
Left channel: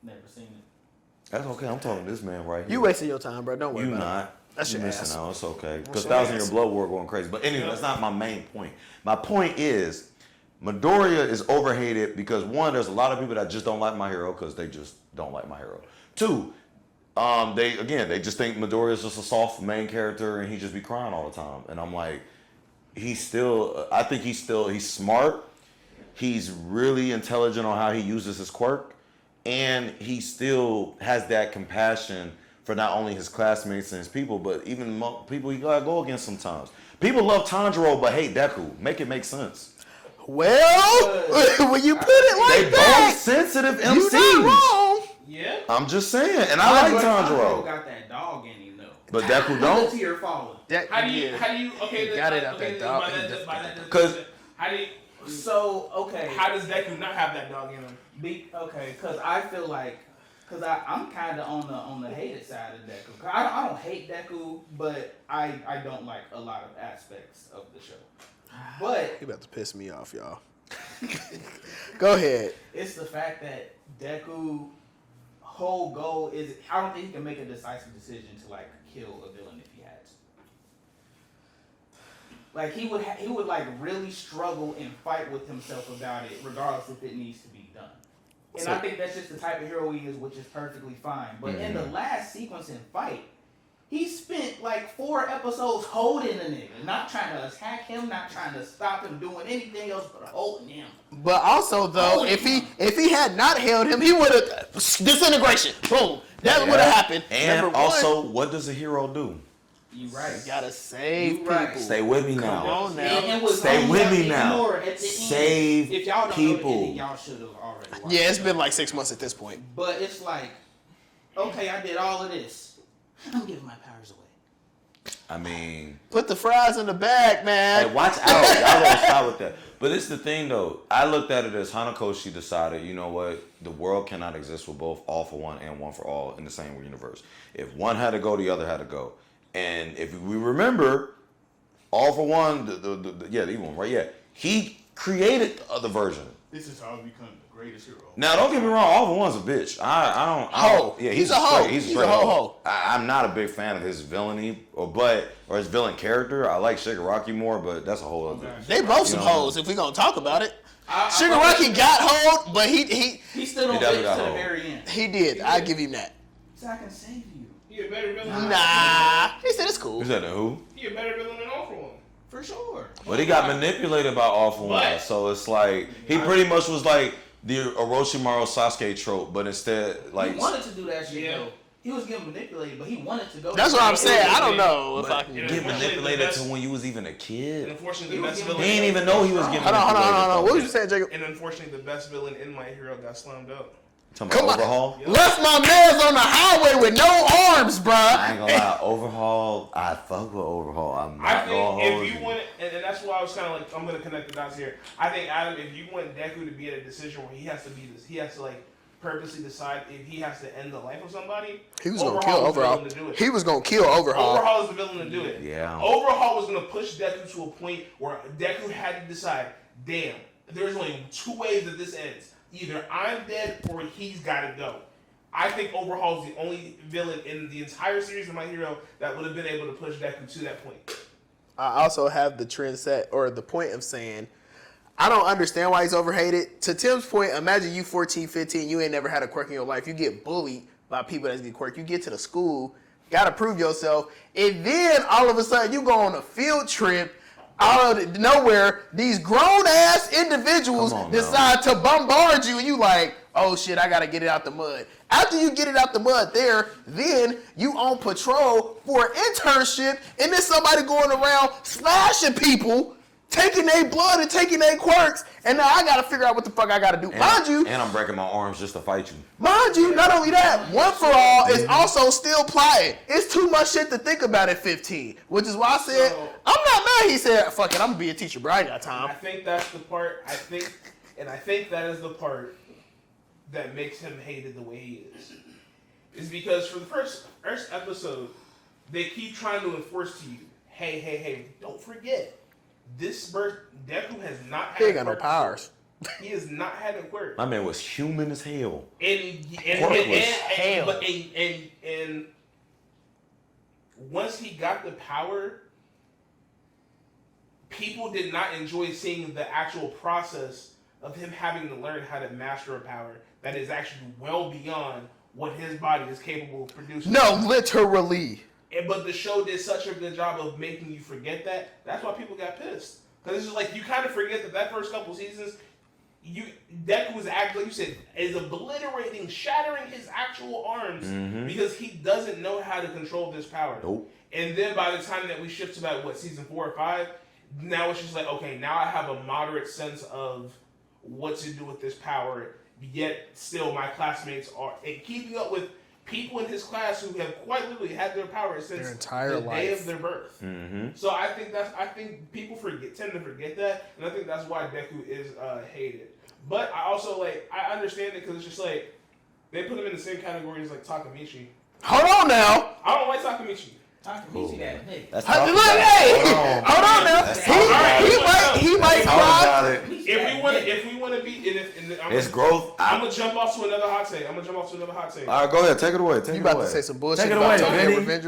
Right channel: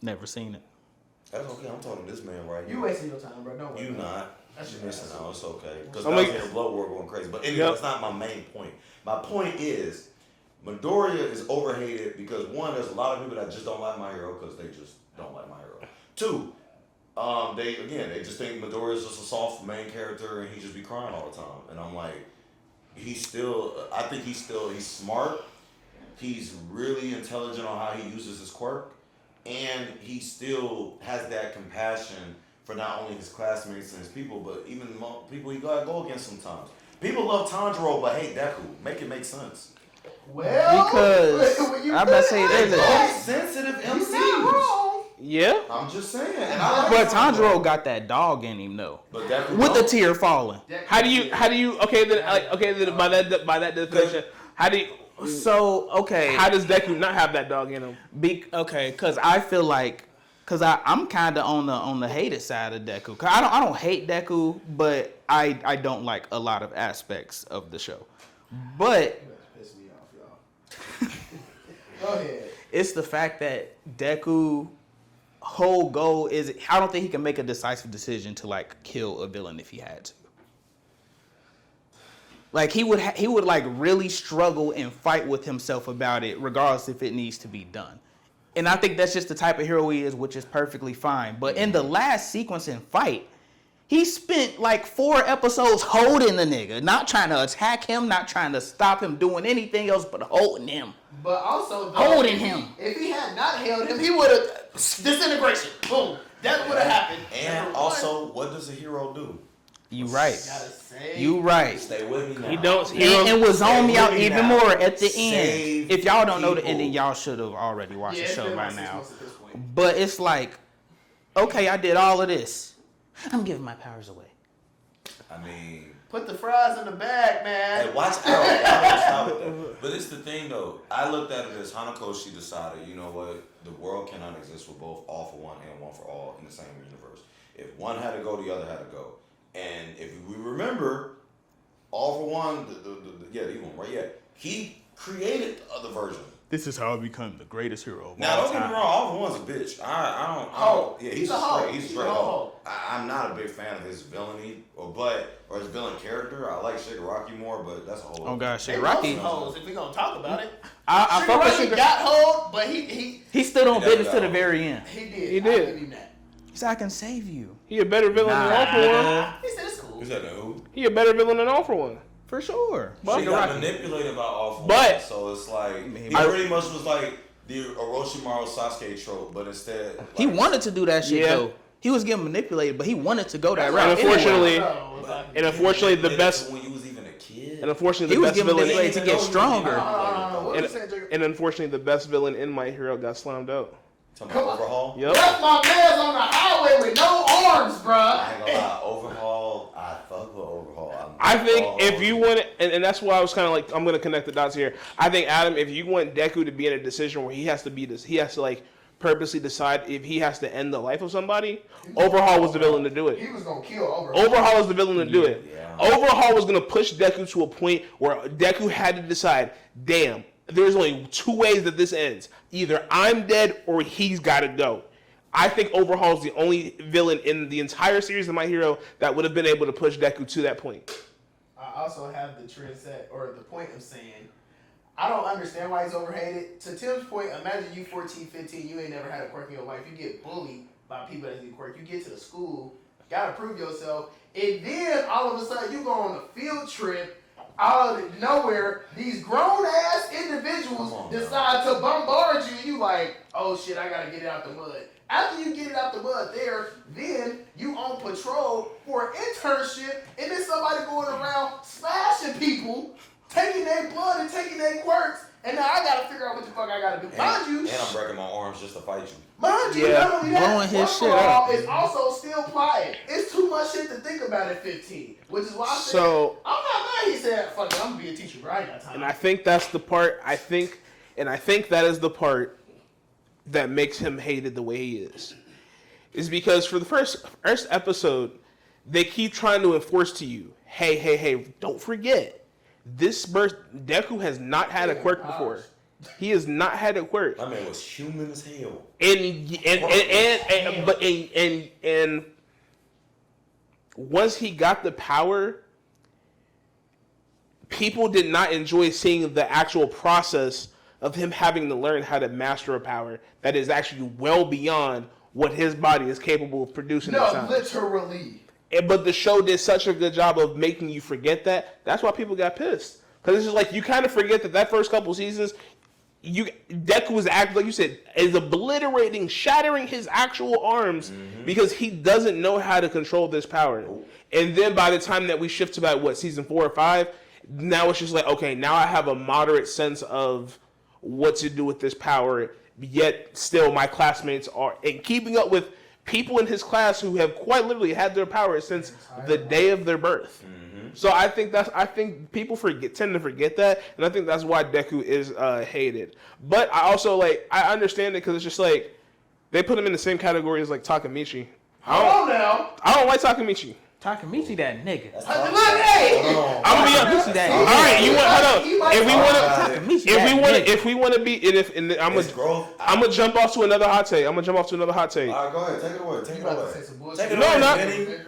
Never seen it. That's okay. I'm talking to this man right here. You wasting your time, bro. Don't worry You about not. it. That shit You missing ass. out. It's okay. Because Somebody- Thousand Year Blood War going crazy. But anyway, that's not my main point. My point is, Midoriya is overhated because one, there's a lot of people that just don't like My Hero because they just don't like My Hero. Two, they just think Midoriya is just a soft main character and he just be crying all the time. And I'm like, he's smart. He's really intelligent on how he uses his quirk. And he still has that compassion for not only his classmates and his people, but even people he gotta go against sometimes. People love Tanjiro but hate Deku. Make it make sense. Well, when you put it like that, sensitive MCs. you're not wrong. Yeah, I'm just saying, and I like Tanjiro got that dog in him though. But that with the tear falling. How do you? Okay, then by that definition, how do you? So okay, how does Deku not have that dog in him? Because I feel like, I'm kind of on the hated side of Deku. Cause I don't hate Deku, but I don't like a lot of aspects of the show. But you about to piss me off, y'all. Go ahead. It's the fact that Deku whole goal is, I don't think he can make a decisive decision to like kill a villain if he had to. Like he would like really struggle and fight with himself about it, regardless if it needs to be done. And I think that's just the type of hero he is, which is perfectly fine. But in the last sequence in fight, he spent like 4 episodes holding the nigga, not trying to attack him, not trying to stop him doing anything else, but holding him. But also, though, if he had not held him, he would have disintegration. Boom. That would have happened. And also, what does a hero do? You right. You gotta save. You right. Stay with me now. And was on y'all even more at the Save end. If y'all don't know the people. ending, y'all should have already watched. Yeah, it's the show been like right 6 now. months at this point. But it's like, okay, I did all of this. I'm giving my powers away. I mean, put the fries in the bag, man. Hey, watch out. Y'all don't stop with that. But it's the thing, though. I looked at it as Hanakoshi decided, you know what? The world cannot exist with both All for One and One for All in the same universe. If one had to go, the other had to go. And if we remember, All for One, the one, right? Yeah. He created the other version. This is how I become the greatest hero. Now, don't get me wrong. All for One's a bitch. I don't. Yeah, he's a hoe. He's a hoe. I'm not a big fan of his villainy, or his villain character. I like Shigaraki more, but that's a whole. Oh gosh, they both some hoes. If we gonna talk about it, Shigaraki got hold, but he stood on business to the very end. He did. I'll give him that. He said, "I can save you." He a better villain than All for One. He said it's cool. Is that who? He a better villain than All for One. For sure. But he got manipulated by All for One, so it's like he pretty much was like the Orochimaru Sasuke trope, but instead, like, he wanted to do that shit though. He was getting manipulated, but he wanted to go. That's that what I'm saying. I don't know if I can. And unfortunately, the best when you was even a kid. And unfortunately, the best villain. He didn't even know he was strong. Hold on. What was you saying, Jacob? And unfortunately, the best villain in My Hero got slammed out. Come on, Overhaul. Yep. Left my man's on the highway with no arms, bruh. I ain't gonna lie, Overhaul. I fuck with Overhaul. I think if you want, and that's why I was kind of like, I'm gonna connect the dots here. I think Adam, if you want Deku to be in a decision where he has to like purposely decide if he has to end the life of somebody, Overhaul was the villain to do it. He was gonna kill Overhaul. Overhaul was the villain to do it. Yeah. Overhaul was gonna push Deku to a point where Deku had to decide, damn, there's only 2 ways that this ends. Either I'm dead or he's got to go. I think Overhaul is the only villain in the entire series of My Hero that would have been able to push Deku to that point. I also have the trend set, or the point of saying, I don't understand why he's overhated. To Tim's point, imagine you 14, 15, you ain't never had a quirk in your life. You get bullied by people that get quirk. You get to the school, got to prove yourself. And then all of a sudden you go on a field trip out of nowhere, these grown-ass individuals decide to bombard you, and you like, oh shit, I gotta get it out the mud. After you get it out the mud there, then you on patrol for an internship, and then somebody going around slashing people, taking their blood and taking their quirks, and now I gotta figure out what the fuck I gotta do. Mind you, and I'm breaking my arms just to fight you. Mind you, not only that, One for All is also still plotting. It's too much shit to think about at 15, which is why I said, I'm not mad. He said, fuck it, I'm gonna be a teacher, but I ain't got time. And I think that's the part, I think that is the part that makes him hated the way he is because for the first episode, they keep trying to enforce to you, hey, don't forget, Deku has not had a quirk before. He has not had a quirk. My man was human as hell. And once he got the power, people did not enjoy seeing the actual process of him having to learn how to master a power that is actually well beyond what his body is capable of producing. No, literally. But the show did such a good job of making you forget that. That's why people got pissed. Because it's just like, you kind of forget that first couple seasons, Deku was acting, like you said, is obliterating, shattering his actual arms because he doesn't know how to control this power. Nope. And then by the time that we shift to about, season 4 or 5, now it's just like, okay, now I have a moderate sense of what to do with this power, yet still my classmates are and keeping up with people in his class who have quite literally had their power since the day of their birth. Mm-hmm. So I think people tend to forget that, and I think that's why Deku is hated. But I also I understand it because it's just like they put him in the same category as like Takemichi. Hold on now, I don't like Takemichi. Takemichi, that nigga. Look, hey, if we want to be, I'm gonna jump off to another hot take. All right, go ahead, take it away. You about to say some bullshit? Take it away,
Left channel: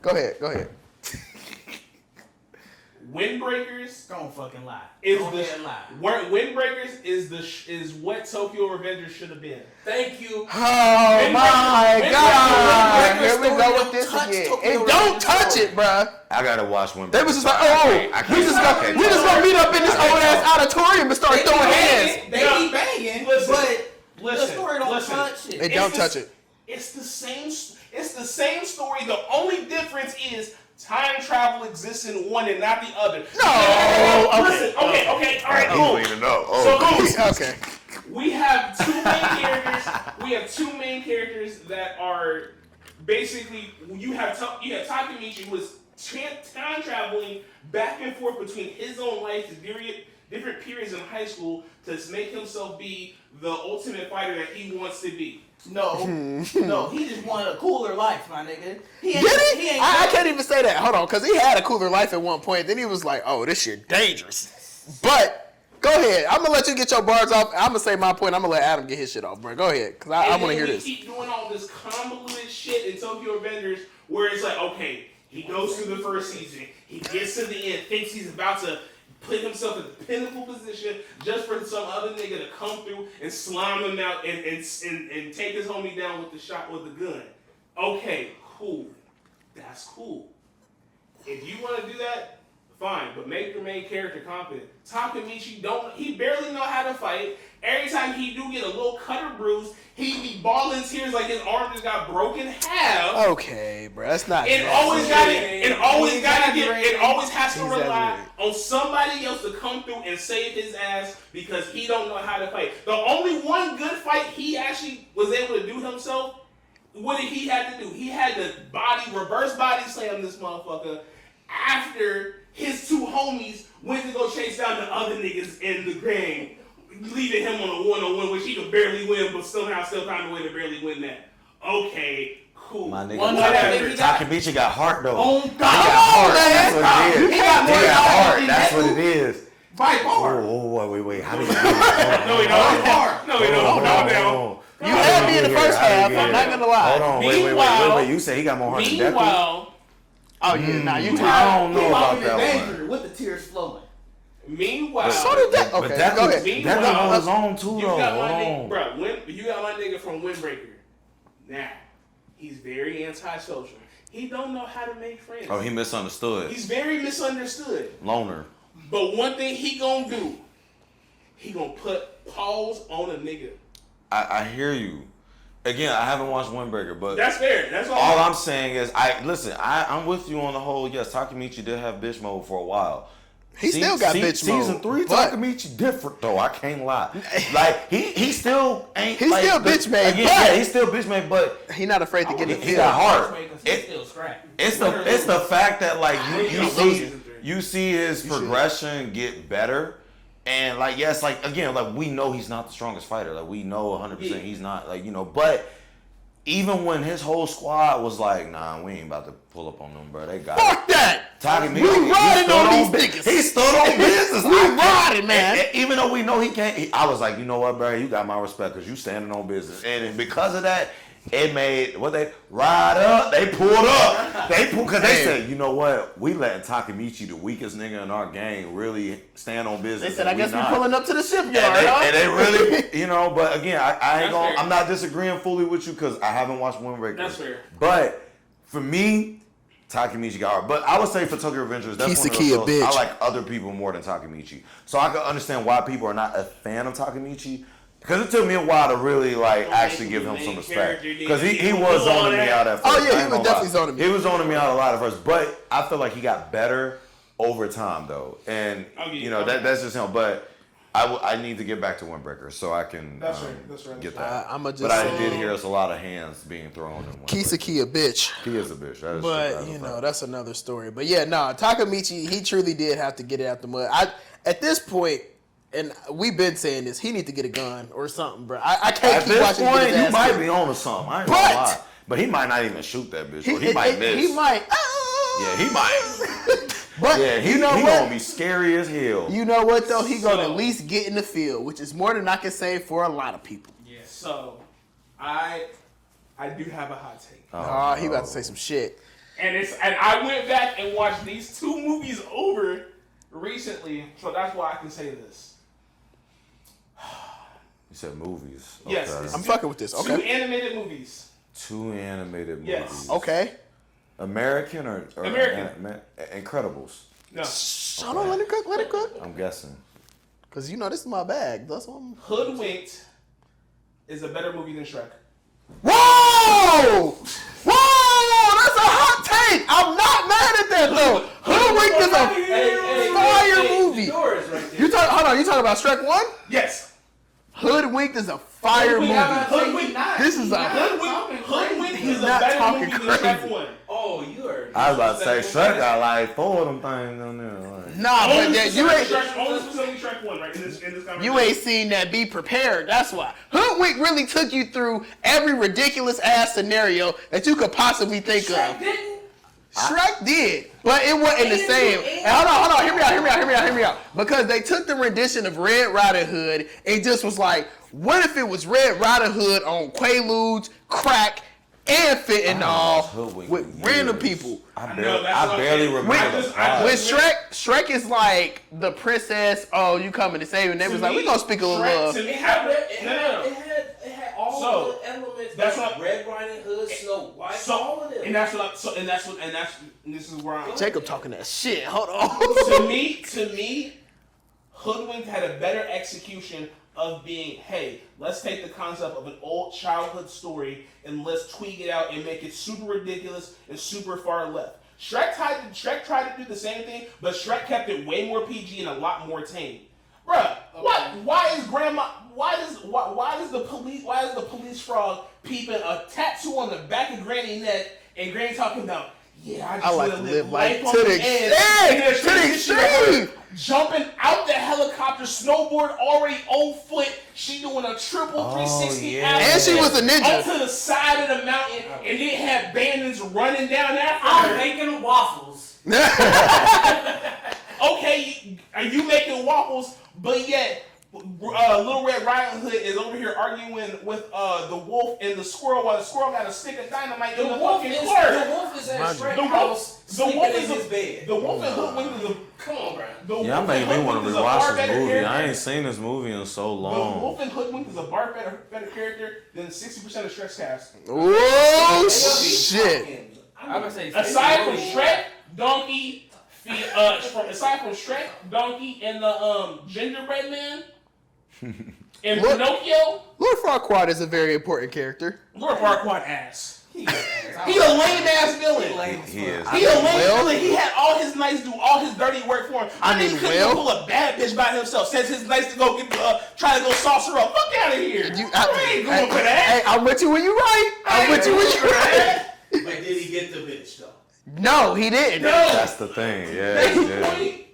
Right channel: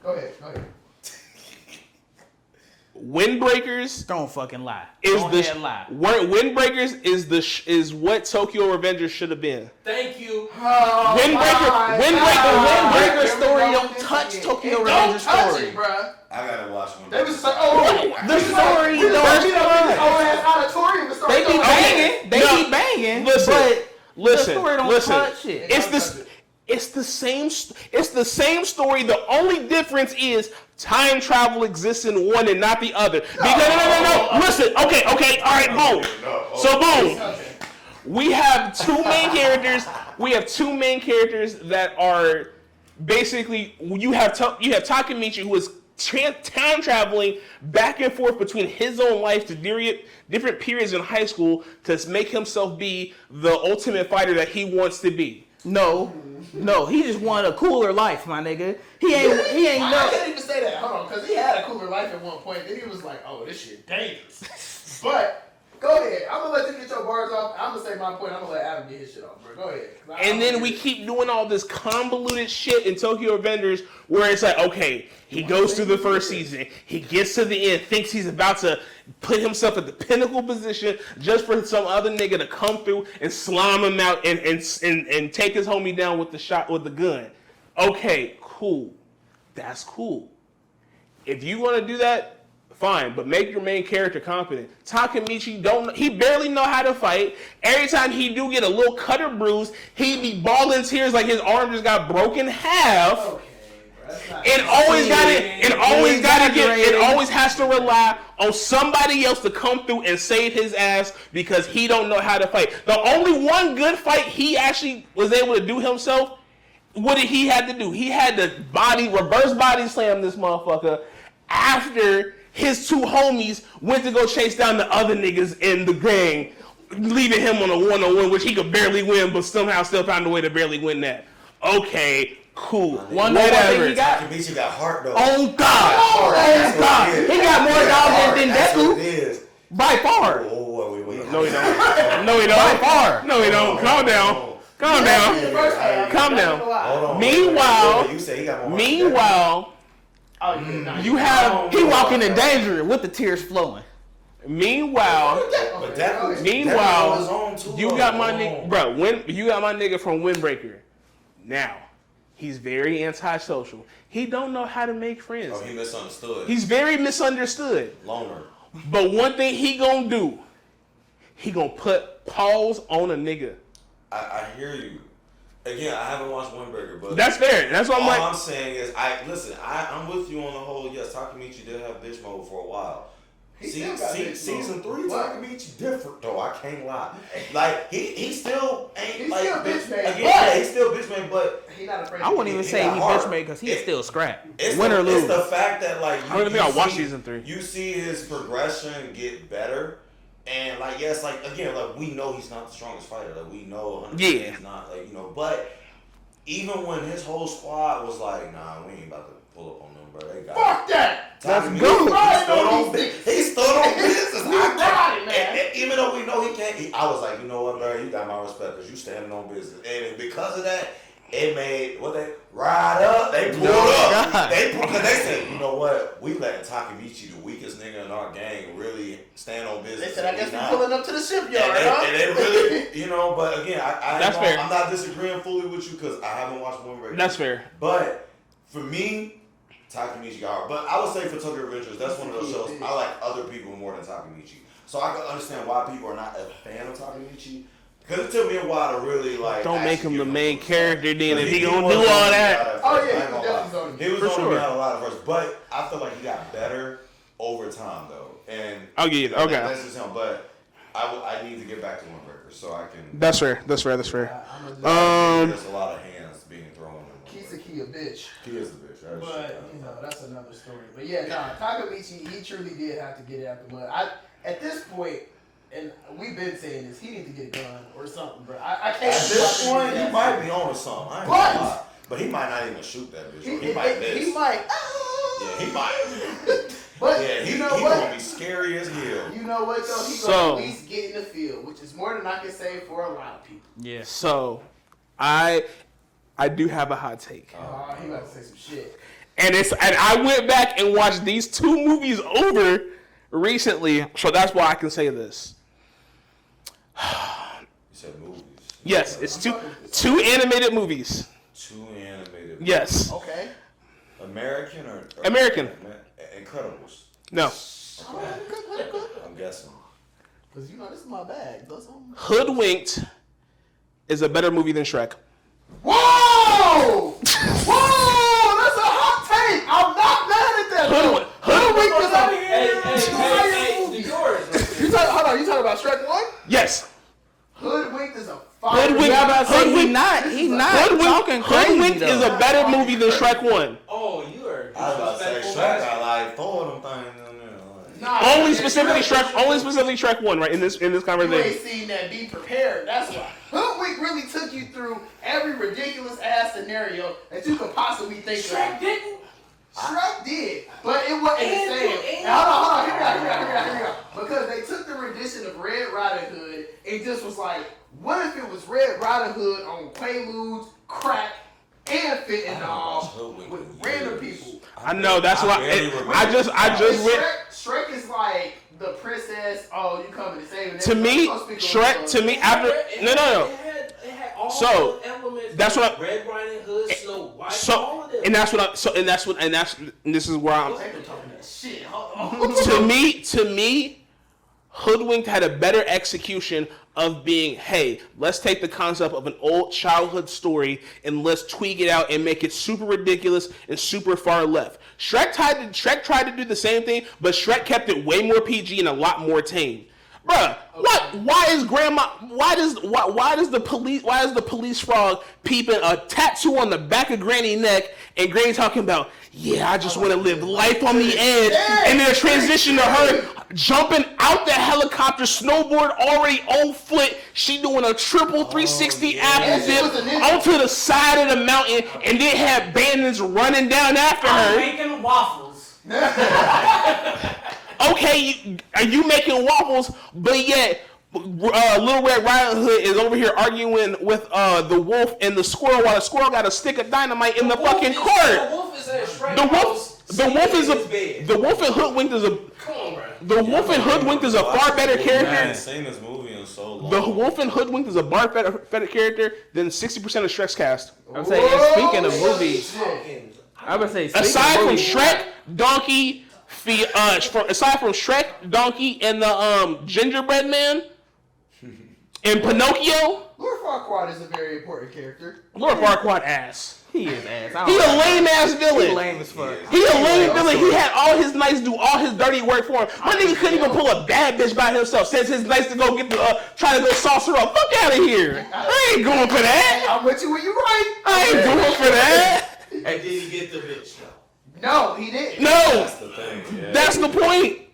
Go ahead. Windbreakers. Don't fucking lie. Windbreakers is what Tokyo Revengers should have been. Thank you. Oh Windbreaker story don't touch Tokyo Revengers. Don't touch it, bruh. I gotta watch Windbreakers. They was just like, we just gonna meet up in this old ass auditorium and start throwing hands. They keep banging, but the story don't touch it. They don't touch it. It's the same story. The only difference is time travel exists in one and not the other. No. Listen, okay, all right, boom. So boom. Okay. We have two main characters that are basically you have Takemichi, who is time traveling back and forth between his own life to different periods in high school to make himself be the ultimate fighter that he wants to be. No, he just wanted a cooler life, my nigga. He ain't. I can't even say that. Hold on, because he had a cooler life at one point. Then he was like, "Oh, this shit dangerous." But go ahead. I'm gonna let you get your bars off. I'm gonna say my point. I'm gonna let Adam get his shit off, bro. Go ahead. And then we keep doing all this convoluted shit in Tokyo Revengers, where it's like, okay, he goes through the first season, he gets to the end, thinks he's about to put himself at the pinnacle position just for some other nigga to come through and slime him out and take his homie down with the gun. Okay, cool. That's cool. If you want to do that, fine, but make your main character competent. Takemichi he barely know how to fight. Every time he do get a little cut or bruise, he be bawling tears like his arm just got broken half. Okay, bro, that's not. It always has to rely on somebody else to come through and save his ass because he don't know how to fight. The only one good fight he actually was able to do himself, what did he have to do? He had to reverse body slam this motherfucker after his two homies went to go chase down the other niggas in the gang, leaving him on a one-on-one, which he could barely win, but somehow still found a way to barely win that. Okay, cool. Whatever. Takemichi got heart though. Oh God! He got more knowledge than That's Deku. what it is. By far. Oh, wait. No, he don't. Calm down. In the first half. Calm down. Hold on. Meanwhile, you say he got more heart than Deku? Meanwhile, He walking in danger with the tears flowing. Meanwhile, go ahead. Meanwhile, was on too you got my nigga, bro. You got my nigga from Windbreaker. Now, he's very antisocial. He don't know how to make friends. Oh, he misunderstood. He's very misunderstood. Loner. But one thing he gonna do, he gonna put paws on a nigga. I hear you. Again, I haven't watched Windbreaker, but that's fair. That's all I'm saying is, I'm with you on the whole. Yes, Takemichi did have bitch mode for a while. He still got bitch mode. Season 3, Takemichi different though. I can't lie. Like he still ain't. He's like, still bitch made. Yeah, he's still bitch made, but he not afraid to get it. He got hard because he's still scrapped. It's the fact that like you see his progression get better. And like yes, like again, like we know he's not the strongest fighter. Like we know 100% he's not. Like but even when his whole squad was like, nah, we ain't about to pull up on them, bro. They got fuck that. We riding on these niggas. He stood on business. We riding, man. Even though we know he can't, I was like, you know what, bro? You got my respect because you standing on business. And because of that, it made they ride up. They pulled up. Because they said, you know what? We letting Takemichi, the weakest nigga in our gang, really stand on business. They said, I guess we pulling up to the shipyard. And they really, but again, I'm not disagreeing fully with you because I haven't watched Windbreaker. That's fair. But for me, Takemichi got hard. But I would say for Tokyo Revengers, that's one of those shows I like other people more than Takemichi. So I can understand why people are not a fan of Takemichi. Because it took me a while to really actually give him the main character. Because he was on that. Oh yeah, he was definitely on me. He was on me out a lot at first, but I feel like he got better over time though, and that's just him. But I need to get back to Windbreaker so I can. That's fair. I'm gonna just. There's a lot of hands being thrown. Kisa Key a bitch. He is a bitch. That is but true. that's another story. But yeah, Takamichi, he truly did have to get it out the mud. At this point, and we've been saying this, he need to get a gun or something, bro. I can't. At this point, he might be on to something. I ain't gonna lie. But he might not even shoot that bitch. He might miss. He might. Yeah, he might. But yeah, he gonna be scary as hell. You know what though? He gonna at least get in the field, which is more than I can say for a lot of people. Yeah. So, I do have a hot take. Oh, he about to say some shit. And I went back and watched these 2 movies over recently, so that's why I can say this. You said movies. Yes, okay. it's I'm fucking with this. 2 animated movies. 2 animated movies. Yes. Okay. American or American? Incredibles. No. Hold on, let it cook. I'm guessing. Cause this is my bag. That's what Hoodwinked is a better movie than Shrek. Whoa! That's a hot take. I'm not mad at that though. Hoodwinked is a fire movie. You talking about Shrek 1? Yes. Hoodwinked is a fire movie. Hoodwinked Hoodwinked is a better movie than Shrek 1. Oh, you are. I was about to say Shrek got like 4 of them things on there. Only specifically Shrek 1, right? In this conversation. You ain't seen that. Be prepared. That's why. Hoodwinked really took you through every ridiculous ass scenario that you could possibly think of. Shrek didn't. Shrek did, but it wasn't the same. Hold on. Hear me out. Because they took the rendition of Red Riding Hood and just was like, what if it was Red Riding Hood on Quaaludes, crack, and fentanyl with random people? I know, that's why I just Shrek is like the princess. Oh, you coming to save me? To me, Shrek. To me, after no. It had all So the elements. that's what Red Riding Hood, Snow White, all of them. And this is where I'm Jacob talking that shit. Hold on. to me, Hoodwinked had a better execution of being, hey, let's take the concept of an old childhood story and let's tweak it out and make it super ridiculous and super far left. Shrek tried to do the same thing, but Shrek kept it way more PG and a lot more tame. Bruh, why does the police frog peeping a tattoo on the back of Granny's neck and Granny talking about, yeah, I just want to live life on the edge, and then a transition to her jumping out the helicopter, snowboard already on foot, she doing a triple 360 and she was a ninja onto the side of the mountain, and then had bandits running down after I'm her. making waffles. Okay, you making waffles, but yet Little Red Riding Hood is over here arguing with the wolf and the squirrel while the squirrel got a stick of dynamite in the fucking court. The wolf is at Shrek house. The wolf in Hoodwinked is a. Come on, bro. The wolf in Hoodwinked is a far better character. I ain't seen this movie in so long. The wolf in Hoodwinked is a far better character than 60% of Shrek's cast. Oh shit! I would say aside from Shrek, Donkey, aside from Shrek, Donkey, and the gingerbread man, and Pinocchio, Lord Farquaad is a very important character. Lord Farquaad ass. He is ass. He a lame ass villain. He lame as fuck. He a lame villain. He had all his knights do all his dirty work for him. My nigga couldn't even pull a bad bitch by himself. Sends his knights to go get the try to go sauce her up. Fuck out of here. I ain't going for that. I'll bet you when you right. I ain't doing for that. Hey, did he get the bitch though? No, he didn't. No, That's the thing. Yeah, that's the point.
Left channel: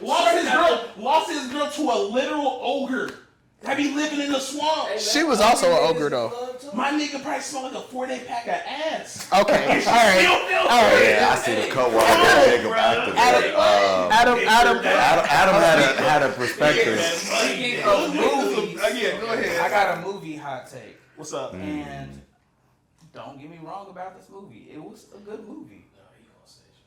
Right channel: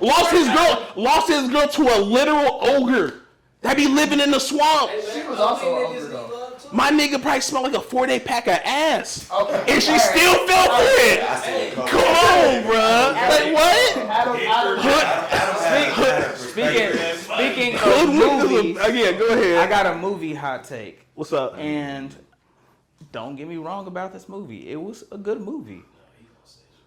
Lost his girl to a literal ogre that be living in the swamp. She was also an ogre though. My nigga probably smelled like a 4-day pack of ass. Okay. And she still felt good. I see the cover. Come on, bro. Adam had a perspective. Speaking of movies, Again, go ahead. I got a movie hot take. What's up? And don't get me wrong about this movie. It was a good movie.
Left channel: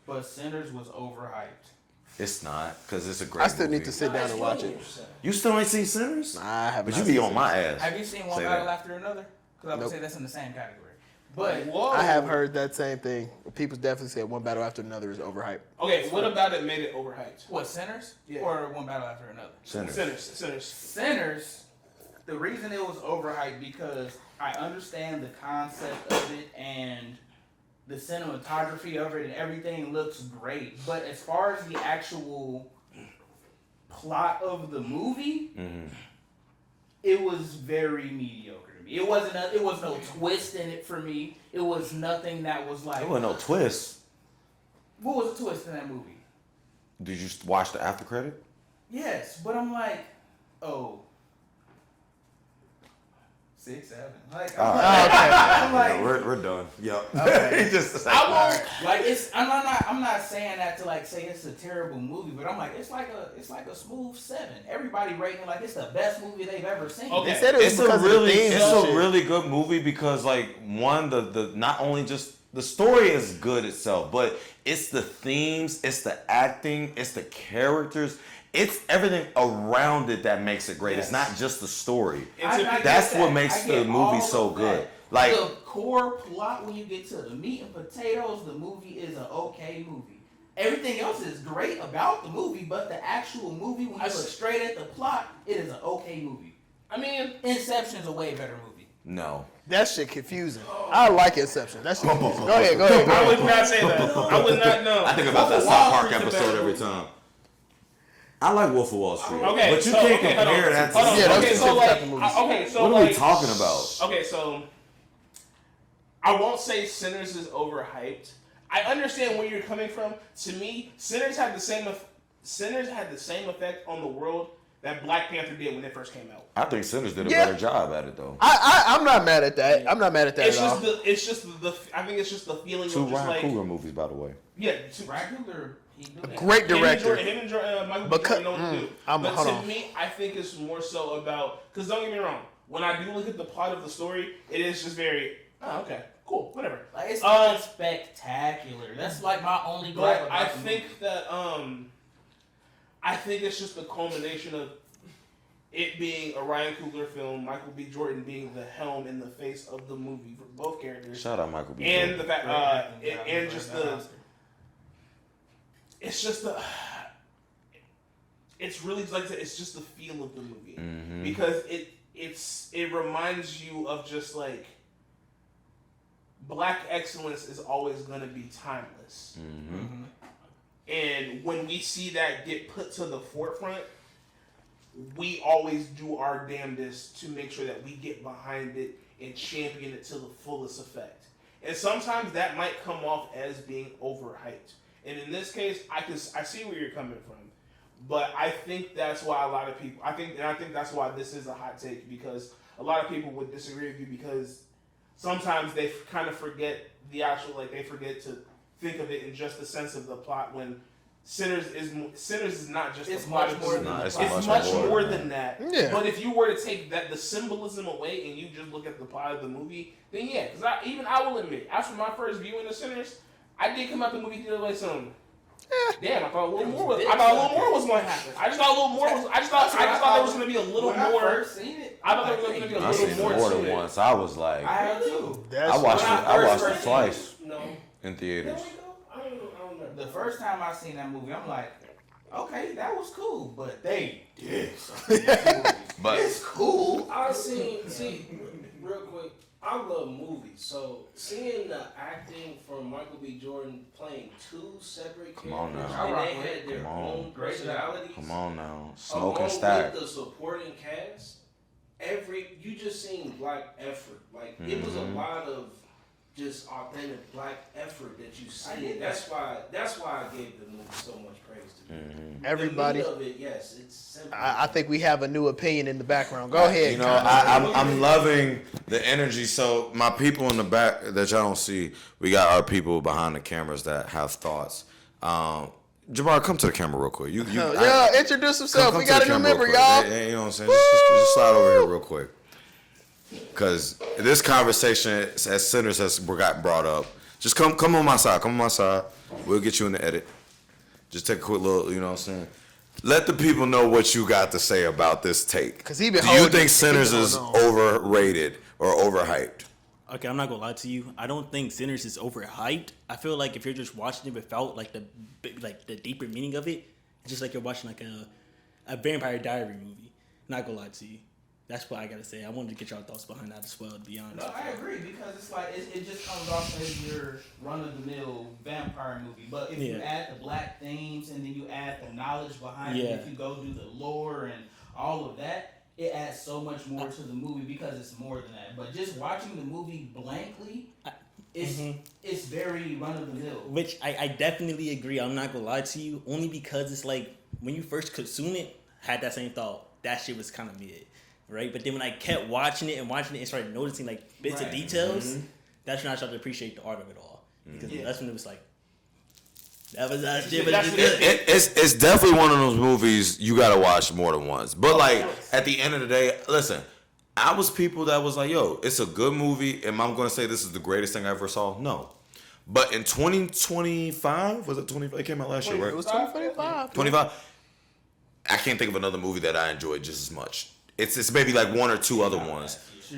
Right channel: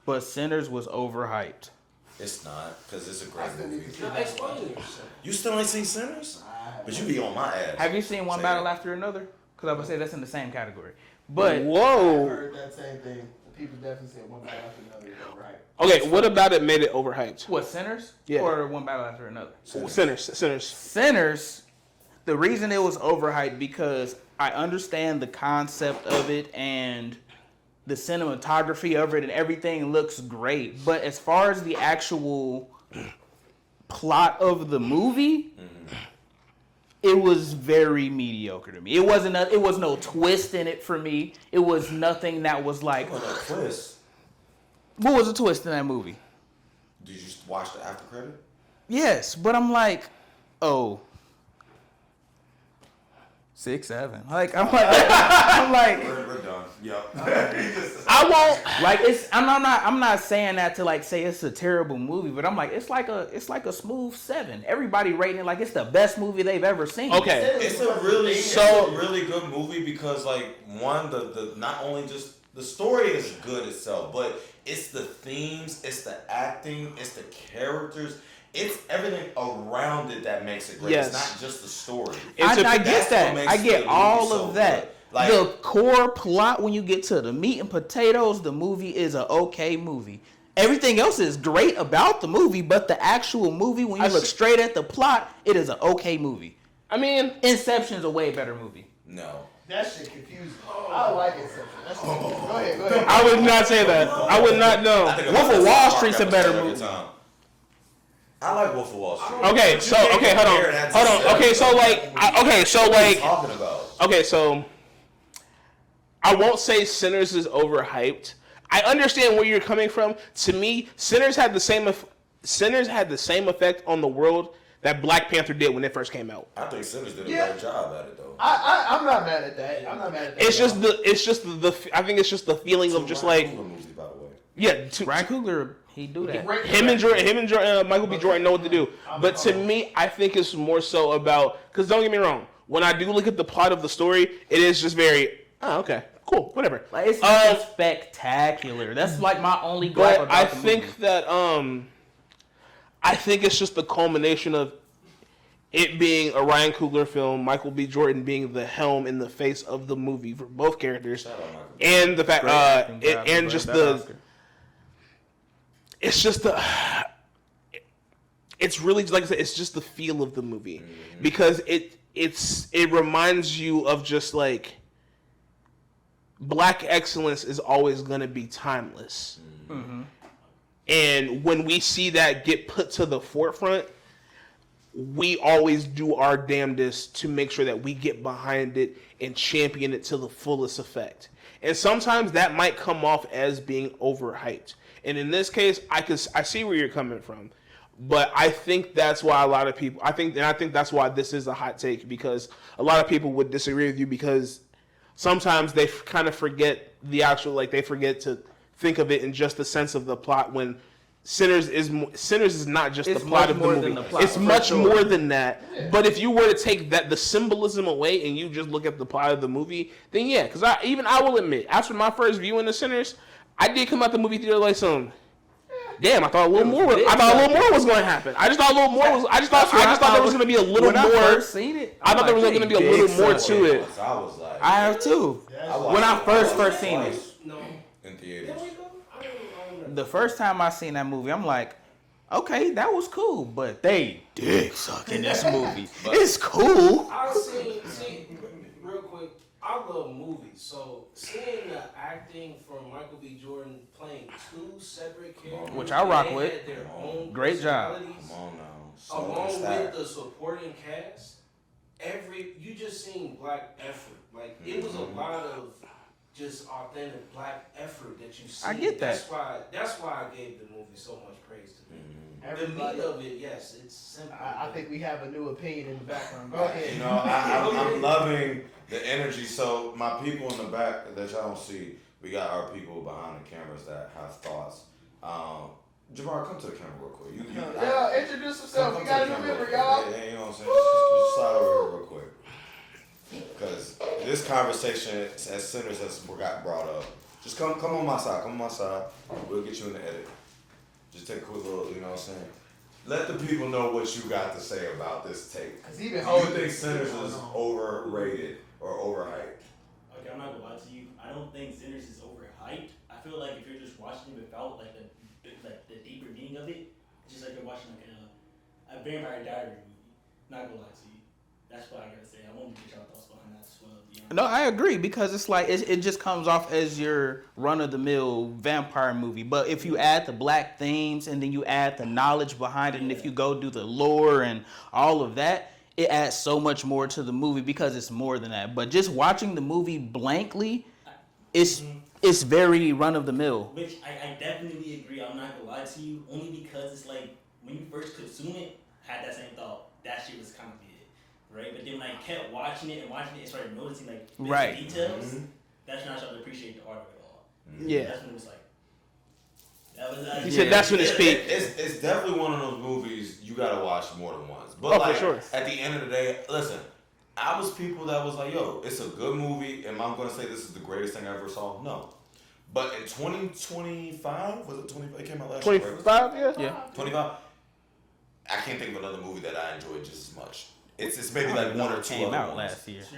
But Sinners was overhyped. It's not, because it's a great I still movie. need to sit down and watch it. You still ain't seen Sinners? Nah, I haven't. But you be on my ass. Have you seen One Say Battle that. After Another? Because I would say that's in the same category. But I have heard that same thing. People definitely said One Battle After Another is overhyped. Okay, what about it made it overhyped? what, Sinners? Yeah. Or One Battle After Another? Sinners. Sinners, the reason it was overhyped because I understand the concept of it and the cinematography of it and everything looks great. But as far as the actual plot of the movie, it was very mediocre to me. It was no twist in it for me. It was nothing that was like. There was no twist. What was the twist in that movie? Did you watch the after credit? Yes, but I'm like, oh. 6, 7. Like I'm like we're done. Yep. I won't like it's. I'm not saying that to like say it's a terrible movie, but I'm like it's like a smooth 7. Everybody rating it like it's the best movie they've ever seen. Okay, it's a really good movie because like one the not only just the story is good itself, but it's the themes, it's the acting, it's the characters. It's everything around it that makes it great. Yes. It's not just the story. I get that. What makes the movie all so of that. Good. Like the core plot, when you get to the meat and potatoes, the movie is an okay movie. Everything else is great about the movie, but the actual movie, when you look straight at the plot, it is an okay movie. I mean, Inception's a way better movie. No. That shit confusing. I like Inception. That shit confusing. Go ahead. I would not say that. I would not know. Wolf of Wall Street's a better movie. Every time. I like Wolf of Wall Street. Okay, hold on. Okay, so what are you talking about? Okay, so I won't say Sinners is overhyped. I understand where you're coming from. To me, Sinners had the same effect on the world that Black Panther did when it first came out. I think Sinners did a better job at it though. I'm not mad at that. It's just the I think it's just the feeling of just like Ryan Coogler movies, by the way. Yeah, Ryan Coogler. He do that. Great him and Michael B. Jordan know what to do. But to me, I think it's more so about because don't get me wrong. When I do look at the plot of the story, it is just very okay, cool, whatever. Like, it's not spectacular. That's like my only goal. But I think that I think it's just the culmination of it being a Ryan Coogler film, Michael B. Jordan being the helm in the face of the movie for both characters. Shout out Michael B. And the fact, and just the. It's just the. It's really like I said. It's just the feel of the movie because it reminds you of just like Black excellence is always going to be timeless, and when we see that get put to the forefront, we always do our damnedest to make sure that we get behind it and champion it to the fullest effect. And sometimes that might come off as being overhyped. And in this case, I see where you're coming from, but I think that's why a lot of people. I think that's why this is a hot take because a lot of people would disagree with you because sometimes they kind of forget the actual they forget to think of it in just the sense of the plot when Sinners is not just the plot of the movie. It's much more than that. Yeah. But if you were to take the symbolism away and you just look at the plot of the movie, then yeah, because I will admit after my first viewing of Sinners. I did come out the movie theater like damn, I thought a little more was going to happen. I just thought a little more was. I just thought there was going to be a little more. I first seen it, I thought there was going to be a little more to it. I was like, I have too. When I first seen it in theaters. The first time I seen that movie, I'm like, okay, that was cool, but they did suck in this movie. It's cool. I see, real quick. I love movies, so seeing the acting from Michael B. Jordan playing two separate characters, which I rock with, great job. Come on now, Smoke and Stack. With the supporting cast, you just seen Black effort. Like it was a lot of just authentic Black effort that you see. I get that. That's why I gave the movie so much praise to me. Everybody. The meat of it, yes, it's simple. I think we have a new opinion in the background. Go ahead. You know, I'm loving the energy. So my people in the back that y'all don't see, we got our people behind the cameras that have thoughts. Jabbar, come to the camera real quick. Introduce himself. We got to remember, y'all. You know what I'm saying? Just slide over here real quick. Because this conversation, as Sinners has gotten brought up, just come on my side. Come on my side. We'll get you in the edit. Just take a quick little, you know what I'm saying? Let the people know what you got to say about this take. Do you think Sinners is overrated or overhyped? Okay, I'm not gonna lie to you. I don't think Sinners is overhyped. I feel like if you're just watching it without the deeper meaning of it, it's just like you're watching like a Vampire Diary movie. Not gonna lie to you. That's what I gotta say. I wanted to get y'all thoughts behind that as well, to be honest. No, I agree because it's like it just comes off as your run-of-the-mill vampire movie. But if you add the black themes and then you add the knowledge behind it, and if you go do the lore and all of that, it adds so much more to the movie because it's more than that. But just watching the movie blankly, it's very run-of-the-mill. Which I definitely agree. I'm not gonna lie to you, only because it's like when you first consume it, had that same thought. That shit was kind of mid. Right, but then when I kept watching it and started noticing like bits of details, that's when I started to appreciate the art of it all. Yeah, that's when it was like, that's when it's definitely one of those movies you gotta watch more than once. But at the end of the day, listen, I was people that was like, yo, it's a good movie. Am I gonna say this is the greatest thing I ever saw? No. But in 2025, was it 25? It came out last year, right? 25. I can't think of another movie that I enjoyed just as much. It's maybe like one or two other ones.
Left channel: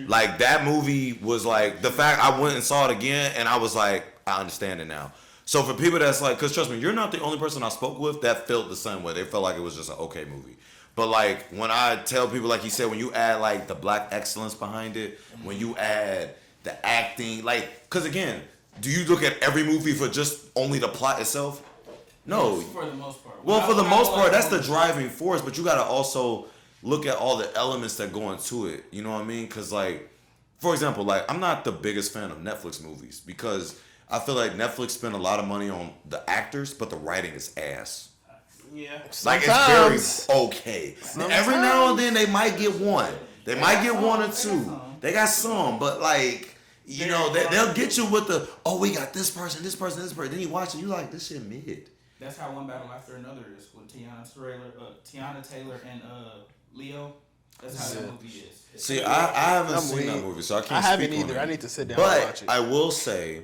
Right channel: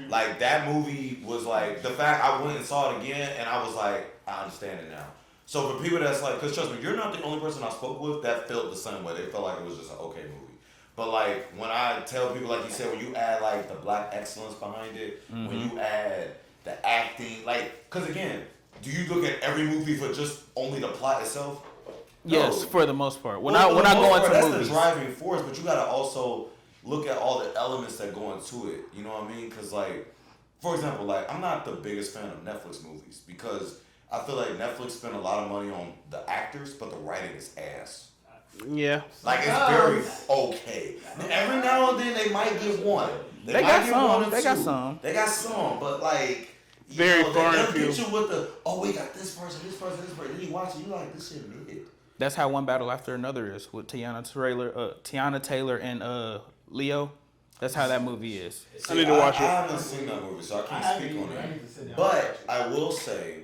Like that movie was like the fact I went and saw it again and I was like, I understand it now. So for people that's like, because trust me, you're not the only person I spoke with that felt the same way. They felt like it was just an okay movie. But like when I tell people, like you said, when you add like the black excellence behind it, when you add the acting, like, because again, do you look at every movie for just only the plot itself? No. Yes, for the most part. For the most part, that's the driving force. But you got to also look at all the elements that go into it. You know what I mean? Because, like, for example, like, I'm not the biggest fan of Netflix movies because I feel like Netflix spent a lot of money on the actors, but the writing is ass. Yeah. Like, it's very okay. Every now and then, they might get one. They might get one or two. They got some, but, like, you know, they'll get you with the, we got this person. Then you watch it, you like, this shit mid. That's how One Battle After Another is with Tiana Taylor and Leo. That's how that movie is. See, I haven't seen that movie, so I can't speak on it. Either. I need to sit down and watch it. I will say,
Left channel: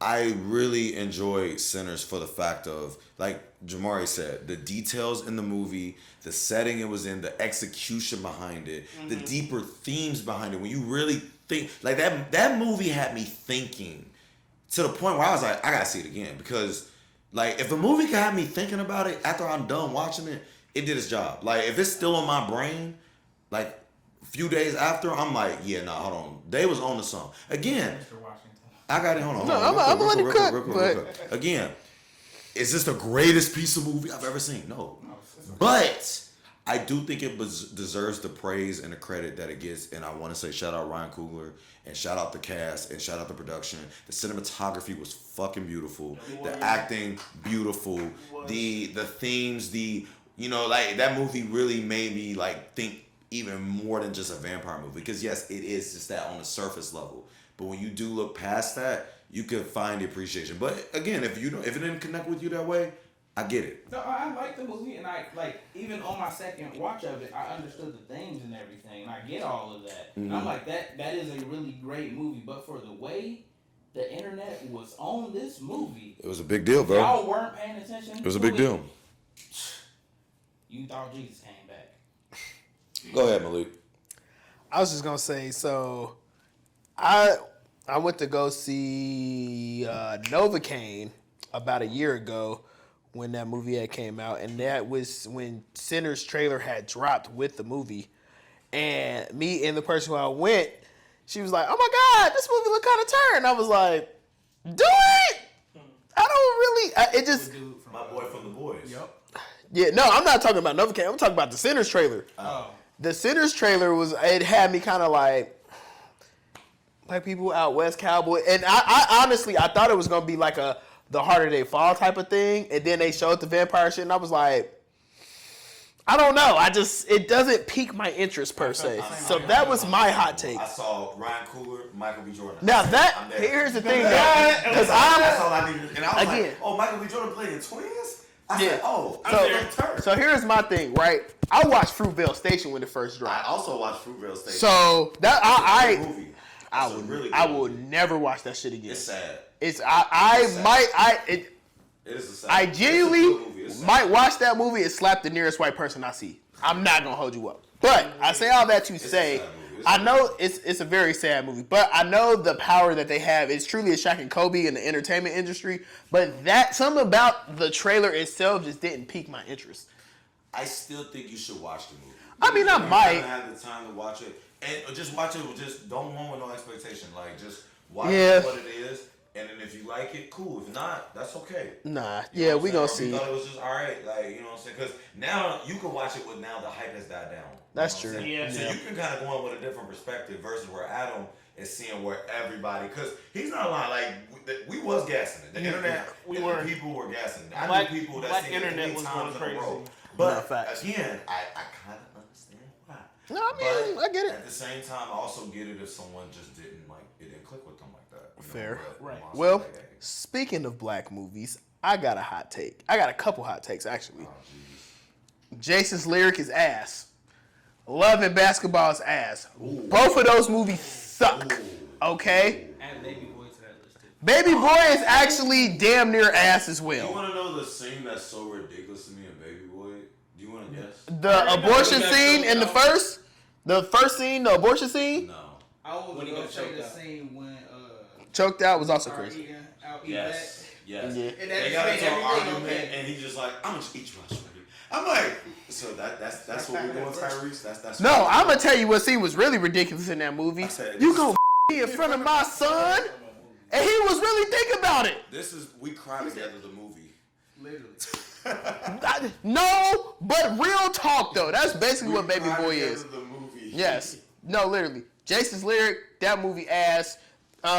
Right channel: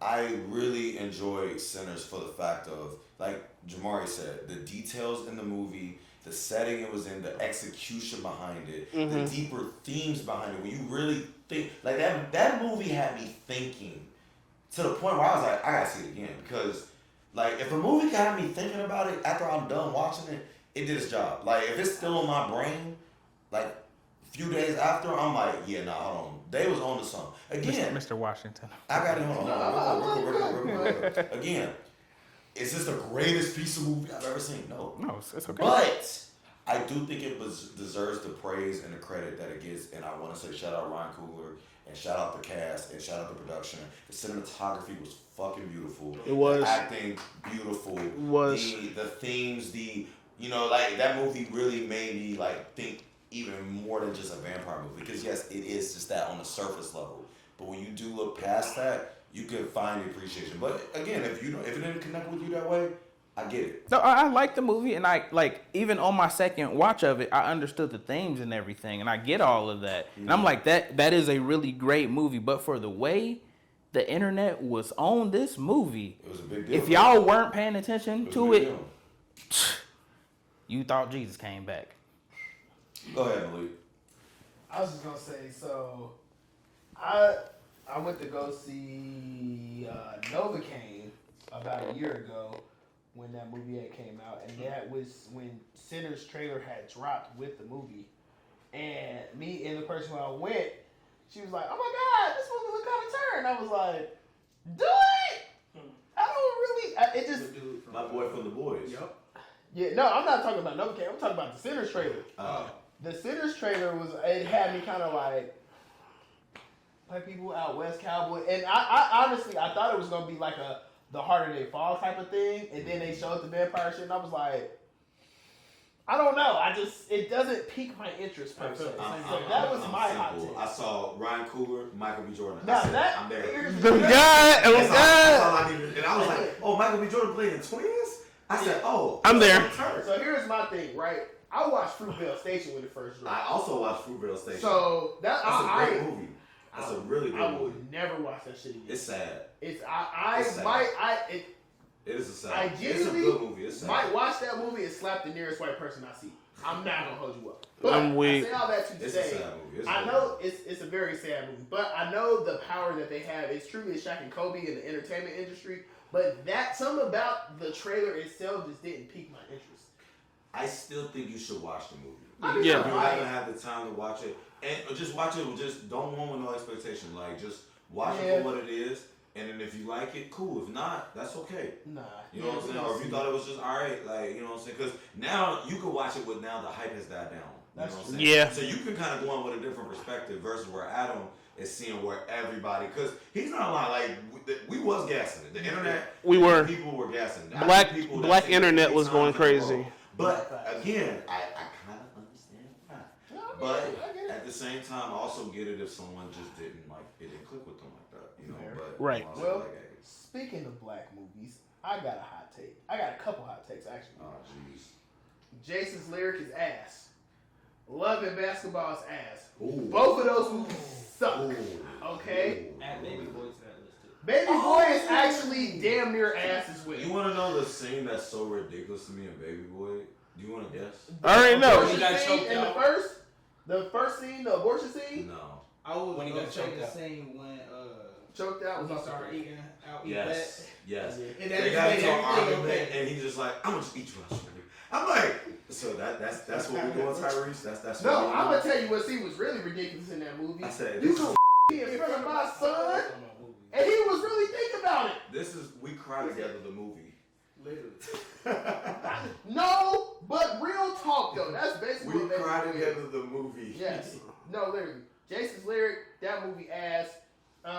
I really enjoy Sinners for the fact of, like Jamari said, the details in the movie, the setting it was in, the execution behind it, the deeper themes behind it. When you really think, like that movie had me thinking to the point where I was like, I gotta see it again because, like, if a movie can have me thinking about it after I'm done watching it, it did its job. Like, if it's still in my brain, like, a few days after, I'm like, hold on. They was on to something. Again. Mr. Washington. I got it. Hold on. No, I'm going to let it cook. Again, is this the greatest piece of movie I've ever seen? No. It's okay. But I do think it deserves the praise and the credit that it gets. And I want to say shout out Ryan Coogler and shout out the cast and shout out the production. The cinematography was fucking beautiful. It was. The acting, beautiful. It was. The themes, like that movie really made me like think even more than just a vampire movie. Because yes, it is just that on the surface level. But when you do look past that, you can find the appreciation. But again, if it didn't connect with you that way, I get it. No, I like the movie, and I like even on my second watch of it, I understood the themes and everything, and I get all of that. And I'm like, that is a really great movie. But for the way the internet was on this movie, it was a big deal. If y'all weren't paying attention, it was a big deal. You thought Jesus came back. Go ahead, Malik. I was just gonna say, so I went to go see Novocaine about a year ago when that movie had came out, and that was when Sinners trailer had dropped with the movie. And me and the person who I went, she was like, "Oh my God, this movie look kind of turned." I was like, "Do it." I don't really. It just my boy from the boys. Yep. Yeah, no, I'm not talking about Novocaine. I'm talking about the Sinners trailer. Oh. The Sinners trailer it had me kind of like people out west cowboy, and I honestly I thought it was gonna be like the Harder They Fall type of thing, and then they showed the vampire shit, and I was like, I don't know, it doesn't pique my interest per se. So that was my hot take. I saw Ryan Coogler, Michael B. Jordan. Now here's the thing. That's all I needed. And I was like, Michael B. Jordan played in Twins? I said, I'm there. So here's my thing, right? I watched Fruitvale Station when it first dropped. I also watched Fruitvale Station. So that movie. I will never watch that shit again. It's sad. It is a sad. I genuinely might watch that movie and slap the nearest white person I see. I'm not gonna hold you up, but I say all that to say, I know it's a very sad movie, but I know the power that they have. It's truly a Shaq and Kobe in the entertainment industry. But something about the trailer itself just didn't pique my interest. I still think you should watch the movie. I mean, I might. You have the time to watch it, and just watch it. Just don't go with no expectation. Like just watch it for what it is, and then if you like it, cool. If not, that's okay. Nah, you know we gonna see. We thought it was just all right, like you know what I'm saying? Because now you can watch it with now the hype has died down. That's true. Yeah. So you can kind of go in with a different perspective versus where Adam is seeing where everybody, because he's not lying. Like we was gassing it. The internet, we were. People were gassing it. Black internet was going crazy. But again, I kind of understand why. No, I mean, I get it. At the same time, I also get it if someone just didn't it didn't click with them like that. You know, Fair. but Right. I'm Well, like, hey. speaking of black movies, I got a hot take. I got a couple hot takes, actually. Jason's Lyric is ass. Love and Basketball is ass. Ooh. Both of those movies suck. Okay? Add Baby Boy's that list too. Baby Boy is actually damn near ass as well. You want to know the scene that's so ridiculous to me in Baby Boy? Do you want to guess? The abortion scene in the first scene, the abortion scene? No. I was When he gonna got say choked the out. same when Choked out was also started crazy. eating out Yes. Yes. Yeah. And They that got made into an everything argument, okay. and he just like, I'm gonna just eat you out, shorty. I'm like, so that's what we're doing, Tyrese. That's No, what I'm gonna tell you what scene was really ridiculous in that movie. I said, You this gonna is- in front of my son, and he was really thinking about it. This is we cry together the movie. Literally. No, but real talk though. That's basically what Baby Cry Boy Together is. the movie. Yes. No, literally. Jason's Lyric, that movie ass. You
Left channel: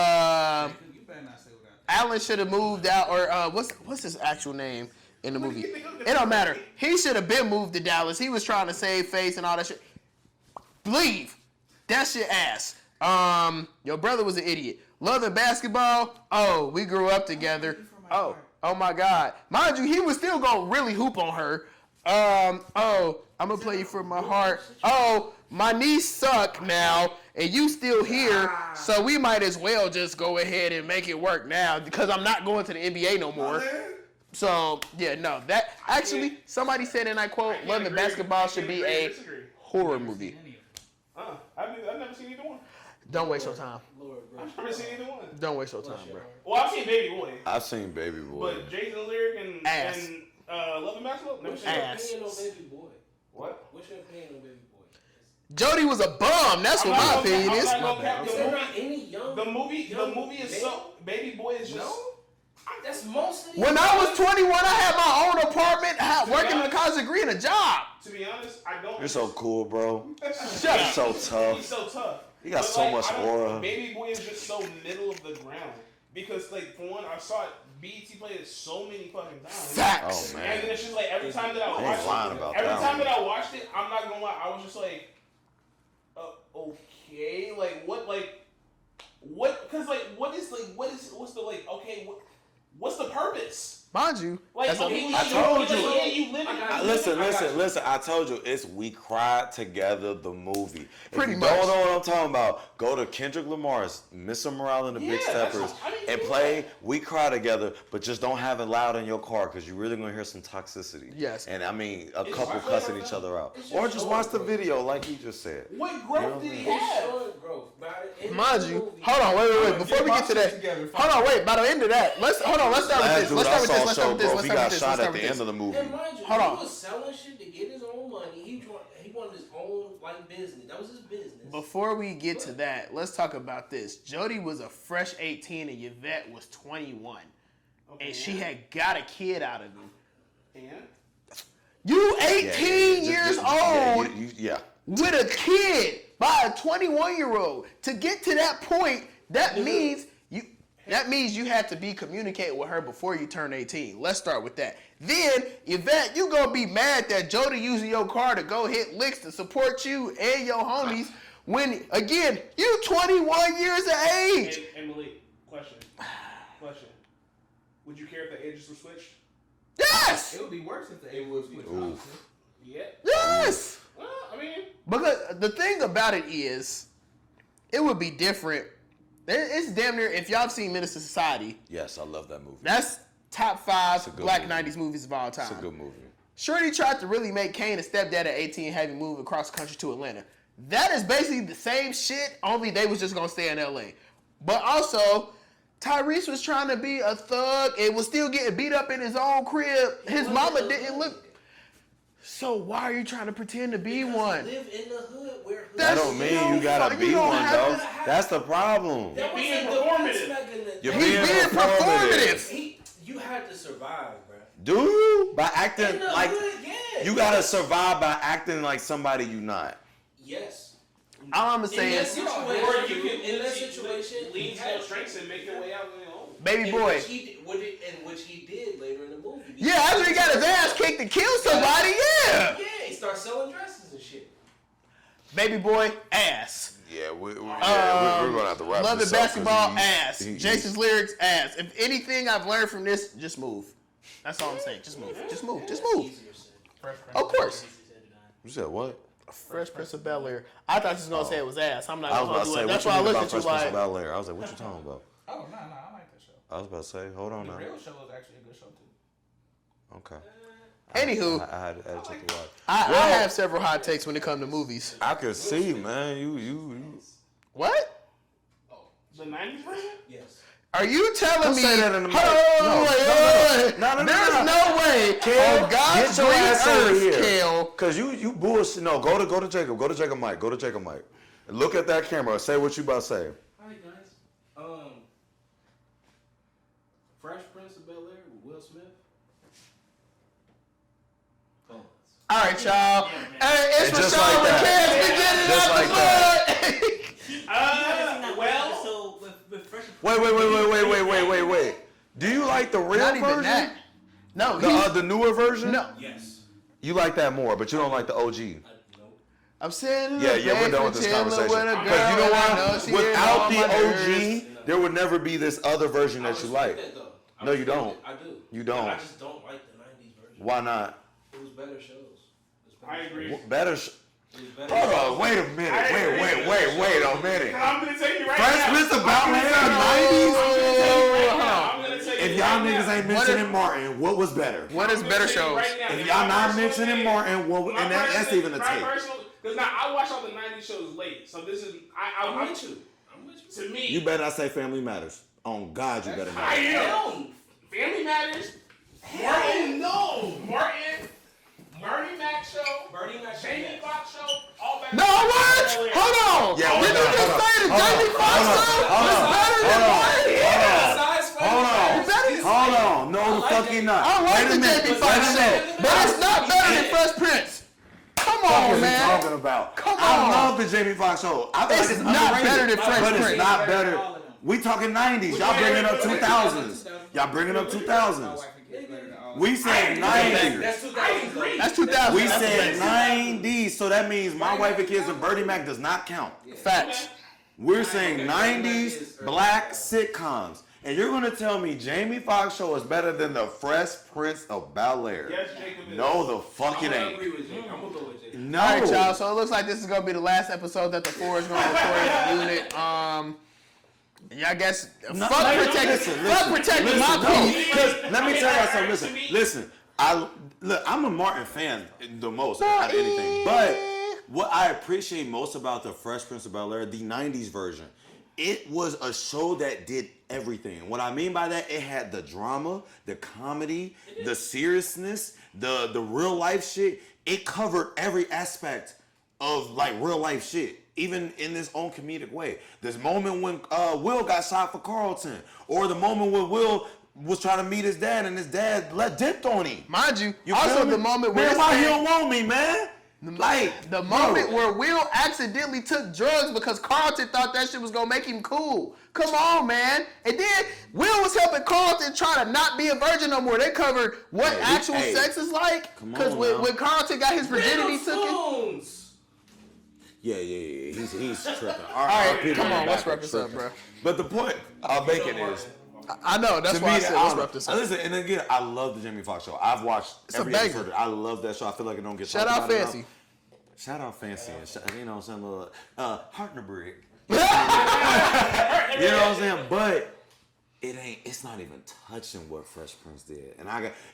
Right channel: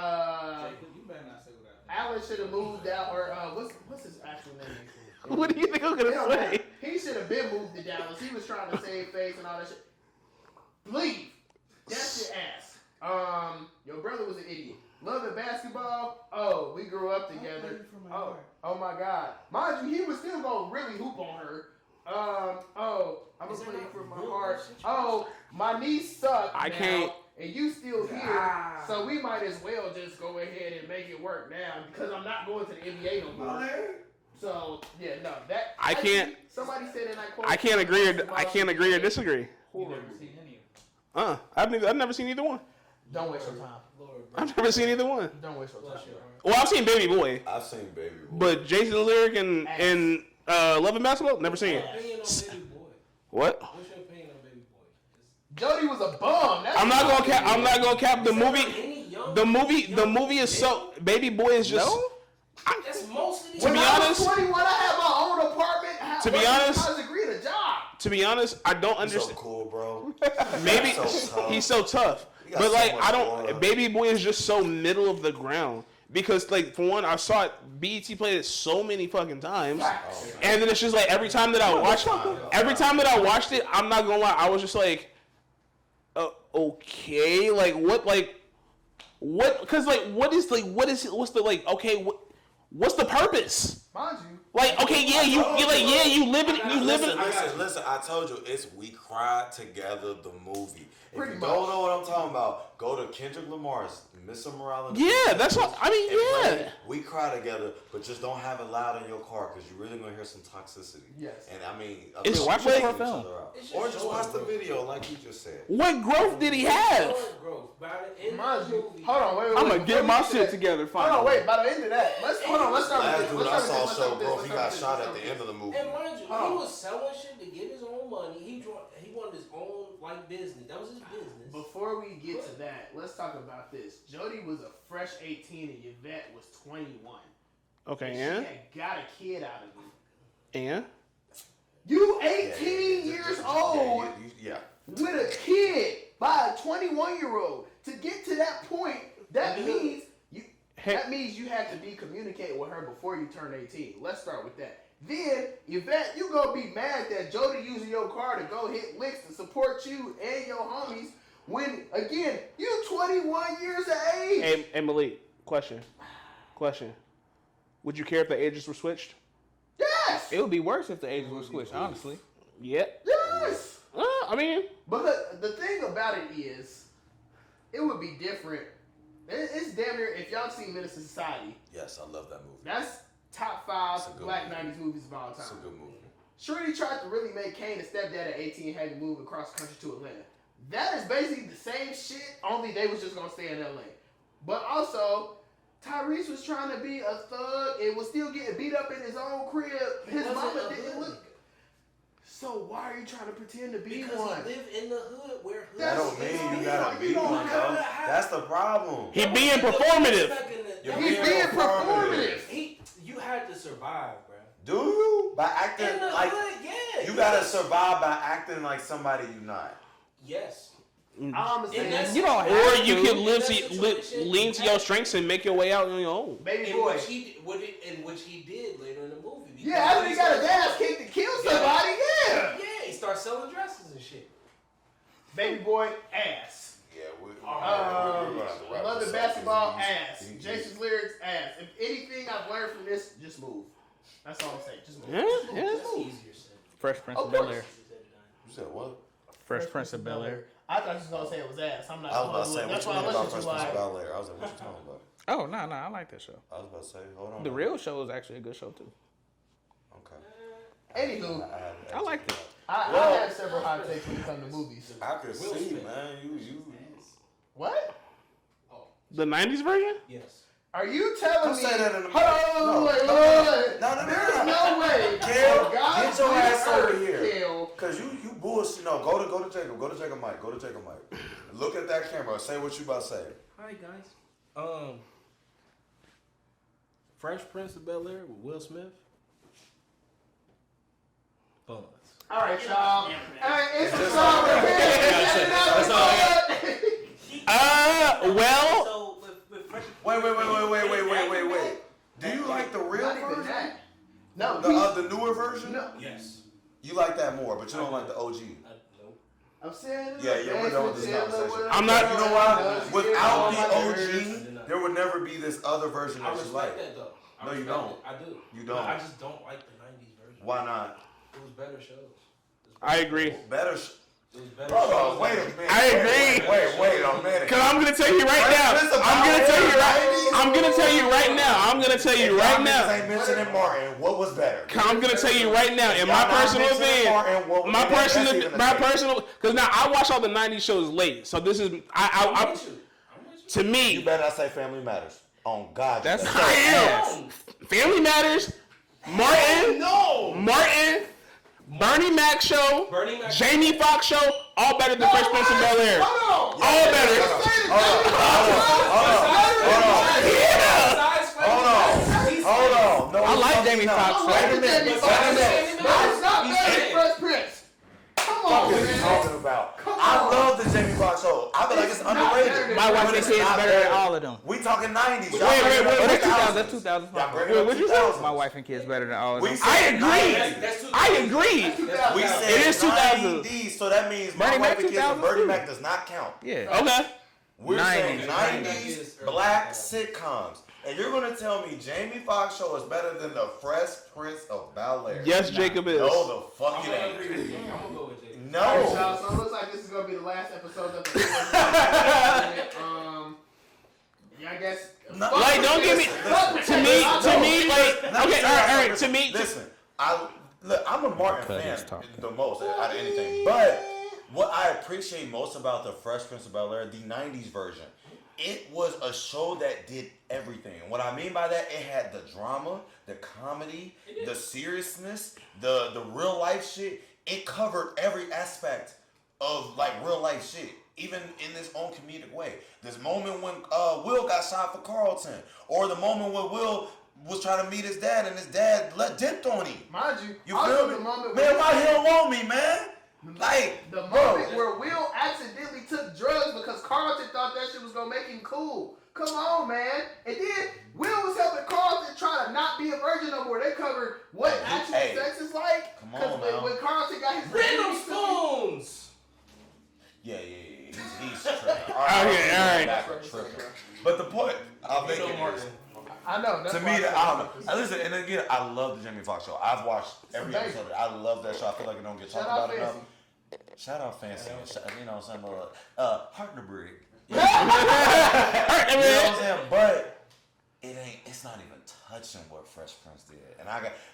better not say what I Alan should have moved out, or what's his actual name in the What movie? do you think I'm gonna It don't say? matter. He should have been moved to Dallas. He was trying to save face and all that shit. Leave. That shit ass. Your brother was an idiot. Love and Basketball. Oh, we grew up together. Oh my God. Mind you, he was still gonna really hoop on her. I'm gonna play you for my heart. Oh, my knees suck now, and you still here, so we might as well just go ahead and make it work now because I'm not going to the NBA no more. So yeah, no, that actually somebody said, and I quote, I can't Love and agree. Basketball I should can't be agree or a disagree. horror movie. I've never seen either one. Don't waste your time. I've never seen either one. Don't waste your time, bro. Well, I've seen Baby Boy, I've seen Baby Boy. but Jason the Lyric and Ass. Love and Basketball, never seen Ass. it. opinion on Baby Boy. What? What's your opinion on Baby Boy? Jody was a bum. That's I'm what not my gonna opinion cap. I'm is. not gonna cap the movie. Any young, The movie is so. Baby Boy is just. No? That's most of these. When I was honest- 21, I had my own apartment, To be working in honest- college degree and a job. To be honest, I don't You're understand. so cool, bro. Baby, so tough. he's so tough. He got But so like, much I don't. aura. Baby Boy is just so middle of the ground because, like, for one, I saw it. BET played it so many fucking times. Facts. Oh, man. And then it's just like every time that I watched it, I'm not gonna lie, I was just like, okay, like what? Because what's the purpose? Mind you. Like, okay, you live in. Listen. I told you, we cried together the movie. Pretty if you much. don't know what I'm talking about, go to Kendrick Lamar's Mr. Morale and the Yeah, Big that's Steppers what- I mean, and yeah. play We Cry Together, but just don't have it loud in your car because you're really gonna hear some toxicity. Yes. And I mean, It's adults why cussing play- each other out, It's just or just showing watch the growth. video like he just said. What growth did he have? Growth. By the end Mind of the you. movie, Hold on, wait. I'ma Before get we my get to shit that, together, hold on, wait. By the end of that, let's start with this. Last dude Let's I start with saw this. show, bro, he got shot at the end this. of the movie. And mind you, Hold on. he was selling shit to get his own money. He wanted his own like business. That was his business. Before we get to that, let's talk about this. Jody was a fresh 18 and Yvette was 21. Okay, And yeah. she had got a kid out of him. And You 18 years old Yeah. with a kid by a 21-year-old. To get to that point, that means you had to be communicating with her before you turn 18. Let's start with that. Then, Yvette, you gonna be mad that Jody using your car to go hit licks to support you and your homies when, again, you 21 years of age. And Malik, question. Would you care if the ages were switched? Yes! It would be worse if the age was switched, honestly. Yeah. Yes! I mean, Because the thing about it is, it would be different. It's damn near, if y'all have seen Menace to Society, Yes, I love that movie. that's top 5 good black movie. 90s movies of all time. It's a good movie. Shorty tried to really make Kane a stepdad at 18 and have him move across the country to Atlanta. That is basically the same shit, only they was just going to stay in LA. But also, Tyrese was trying to be a thug and was still getting beat up in his own crib. His mama didn't look... So why are you trying to pretend to be because one? Live in the hood where That don't mean you gotta be one, though. That's the problem. He being performative. You're He's being performative. You had to survive, bro. Do you? By acting In the like hood, yeah. you gotta survive by acting like somebody you not. Yes. All I'm saying, you don't. Or you can lean to your strengths and make your way out on your own. Baby boy. Which he did later in the movie. Yeah, after he got his ass kicked to kill somebody, yeah. Yeah, he started selling dresses and shit. Baby boy, ass. Yeah, we're gonna have to wrap Love this it, up, basketball, 'cause ass. Jason's lyrics, ass. If anything I've learned from this, just move. That's all I'm saying. Just move. Just move. Just move. Fresh Prince Of course. You said what? Fresh Prince of Bel-Air. I thought you was gonna say it was ass. I'm not I was gonna about to do say, it. what That's you why I mean looked about at you Fresh Prince like. of Bel-Air? I was like, what you talking about? Oh, no, I like that show. I was about to say, hold on. The now. Real Show is actually a good show, too. Okay. Anywho, I like it. I have several hot takes when it comes to movies. I could see, man. You. What? The 90s version? Yes. Are you telling me? say that in the Hold on, No. There's no way. Kel, On God's get your ass over green here. earth, Kel. Cause you bullshit. No, go to Jacob. Go to Jacob Mike. Go to Jacob Mike. Look at that camera. Say what you about to say. Hi guys. Fresh Prince of Bel-Air with Will Smith. Pause. All right, y'all. Hey, it's for just Sean like that. Well, Wait. Do you like the real Not even version? that. No, The newer version? no. Yes. You like that more, but you don't like the OG. Nope. I'm saying. Yeah, we're done with this conversation. I'm not- You know why? why? Without the OG, there would never be this other version I that you respect like. that though. I No, you respect don't. it. I do. You don't. I just don't like the 90s version. Why not? It was better shows. I agree. Better. It was better Hold shows. on, wait a minute. I agree. Wait a minute. Cause I'm gonna tell you right now. Prince of I'm gonna tell you Bel-Air, right. I'm gonna tell you right now. I'm gonna tell If you y'all right niggas now. ain't mentioning Martin, what was better? I'm gonna better tell you shows. right now. In Y'all my not personal mentioning opinion, Martin, what- my and that's even the tape. personal. Cause now I watch all the '90s shows late, so this is I'm with you. to me. You better not say Family Matters. On God, you better. I am. Family Matters. Martin. No. Martin. Bernie Mac show. Bernie Mac Jamie Foxx show. All better than No, Fresh Prince of what? Bel-Air. Hold on. Yeah, All hold better. on, You say the Jamie Foxx show is better than Martin? Hold on. No, I like Jamie Foxx. I like Wait a the minute. Jamie Wait a Foxx minute. show, but it's not better than Fresh Prince. Come What on, are you man. talking about? Come I on. love the Jamie Foxx show. I feel like it's It's not underrated. better than But Fresh it's Prince. not Better than better. all of them. We talking 90s. Y'all Wait, bringing up wait, 2000s. 2000. Y'all bringing up What'd you say? 2000s. My wife and kids better than all of We them. said agree. 90s. That's 2000. I agree. That's 2000. We It said is 2000. 90s, so that means My Bernie Wife Mac and Kids and 2000. Bernie Mac does not count. Yeah. Okay. We're 90s. saying 90s black sitcoms. And you're going to tell me Jamie Foxx show is better than the Fresh Prince of Bel-Air. Yes, Jacob is. No, the fuck it I'm gonna ain't. agree with you. I'm gonna go with you. No. All right, y'all. So it looks like this is gonna be the last episode that the floor is going unit. Yeah, I guess. No, Fuck like, don't protecting- give me- fuck listen, protecting listen, my no. team. Like, Now, okay, all right, to me, listen. I'm a Martin fan the most out of anything. But what I appreciate most about the Fresh Prince of Bel-Air, the 90s version, it was a show that did everything. And what I mean by that, it had the drama, the comedy, the seriousness, the real life shit. It covered every aspect of like real life shit, even in this own comedic way. This moment when Will got shot for Carlton, or the moment when Will was trying to meet his dad and his dad dipped on him. Mind you, You also feel me? the moment where man, why he don't want me, man? Like the bro. moment where Will accidentally took drugs because Carlton thought that shit was gonna make him cool. Come on, man. And then Will was helping Carlton try to not be a virgin no more. They covered what Hey, actual hey, sex is like. come Because on when, now. when Carlton got his virginity Random took it. Stones. Yeah. He's tripping. All right, let's wrap this up, bro. But the point I'm making is, I know, that's to why me, I said let's wrap this up. listen, and again, I love the Jamie Foxx show. I've watched a every banger. episode of it. I love that show. I feel like it don't get Shout talked out about Fancy. enough. Shout out Fancy. You know what I'm saying? Heart in the Brick. You know what I'm saying? But it's not even touching what Fresh Prince did. And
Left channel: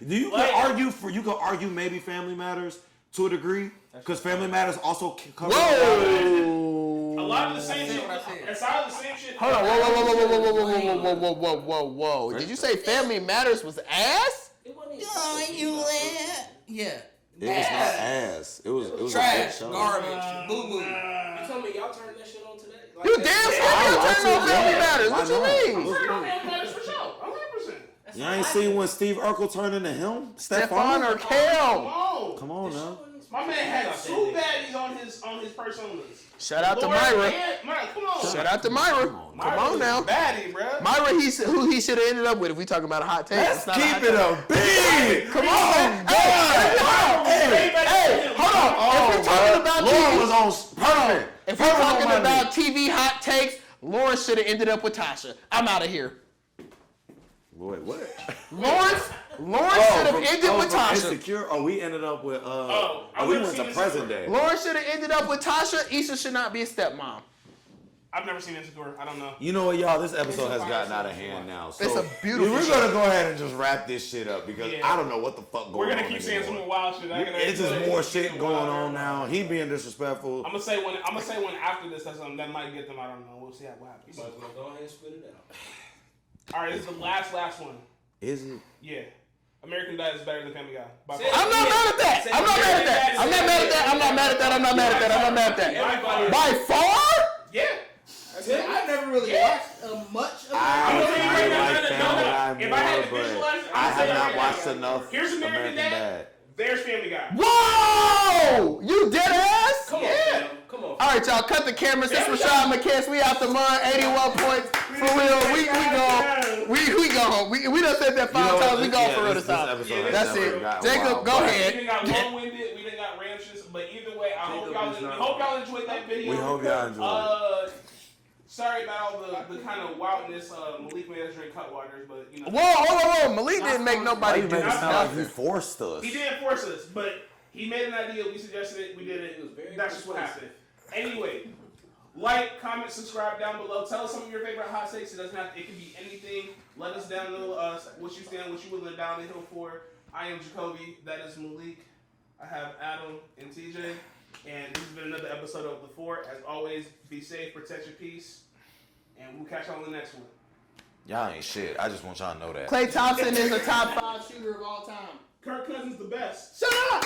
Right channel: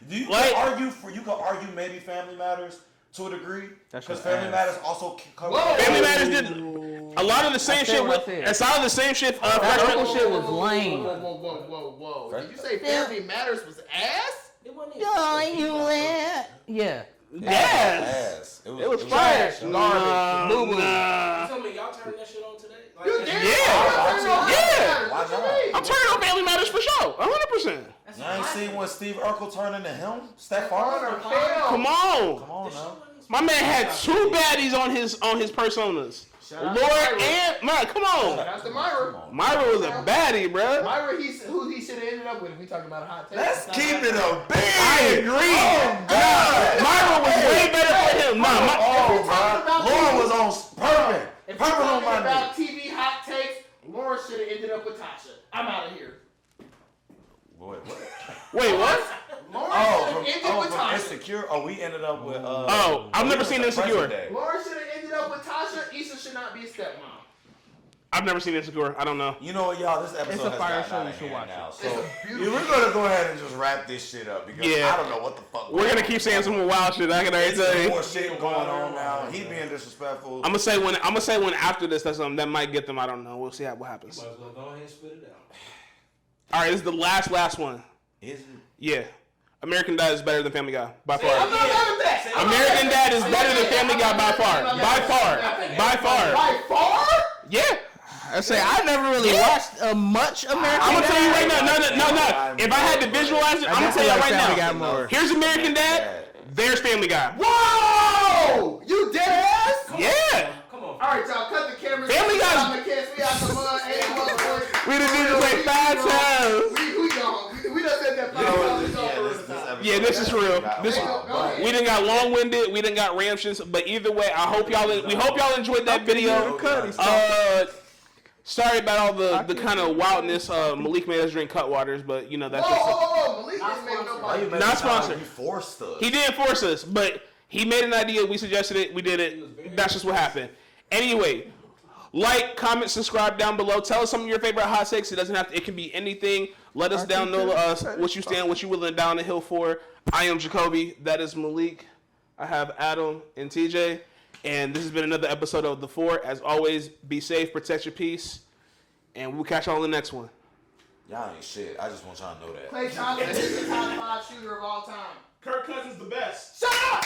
you can argue maybe Family Matters to a degree, because Family Matters also covers. Family Matters did a lot of the same shit. Aside of the same shit. Whoa. Did you say Family Matters was ass? It wasn't Yeah. Ass. It was trash. Garbage. Boo boo. You tell me y'all turned that shit on today? Like, You did? Yeah, Family Matters. What you mean? I'm turning on Family Matters for sure. 100%. You ain't seen when Steve Urkel turned into him? Stephon Stephon? or Kel? Come on. Come on now. My man had 2 baddies on his personas. Shout out to Laura Myra. and Myra. Come on. Shout out to Myra. Myra was a baddie, bro. Myra, who he should have ended up with if we talking about a hot take. Keep it a big. Come on, God. Myra was way better than him. If we talking about Laura was on perfect. If we're talking about TV hot takes, Lauren should have ended up with Tasha. I'm out of here. Wait, what? Lauren should have ended with Tasha. Insecure? Oh, we ended up with. I've never seen Insecure. Lauren should have ended up with Tasha. Issa should not be a stepmom. I've never seen Insecure. I don't know. You know what, y'all? This episode has gotten out of hand now. So it's a beautiful we're going to go ahead and just wrap this shit up because I don't know what the fuck. We're going to keep saying some more wild shit. There's more shit going on now. He being disrespectful. I'm gonna say when after this does something that might get them. I don't know. We'll see what happens. Might as well go ahead and spit it out. All right, this is the last one. Is it? Yeah. American Dad is better than Family Guy by far. I'm not mad at that. American Dad is better than Family Guy by far. I'm not mad at that. By far? Yeah. I say I never really watched much American Dad. I'm gonna tell you right now. No. If I had to visualize it, I'm gonna tell you right now. Here's American Dad. There's Family Guy. Whoa! You dead ass? Yeah. Come on. All right, y'all. Cut the cameras. We got the kiss. We out the mud. 81 points. We done said that 5 times. We go for real this time. Yeah, this is real. Jacob, go ahead. We done got long-winded. We done got ramtions. But either way, we hope y'all enjoyed that video. Sorry about all the kind of wildness. Malik made us drink Cutwaters, but you know that's. Whoa! Malik didn't make nobody. Not sponsored. He forced us. He didn't force us, but he made an idea. We suggested it. We did it. That's just what happened. Anyway, like, comment, subscribe down below. Tell us some of your favorite hot takes. It doesn't have to. It can be anything. Let us down know what you stand, what you willing down the hill for. I am Jacoby. That is Malik. I have Adam and TJ. And this has been another episode of The Four. As always, be safe, protect your peace, and we'll catch y'all in the next one. Y'all ain't shit. I just want y'all to know that. Klay Thompson is the top 5 shooter of all time. Kirk Cousins the best. Shut up!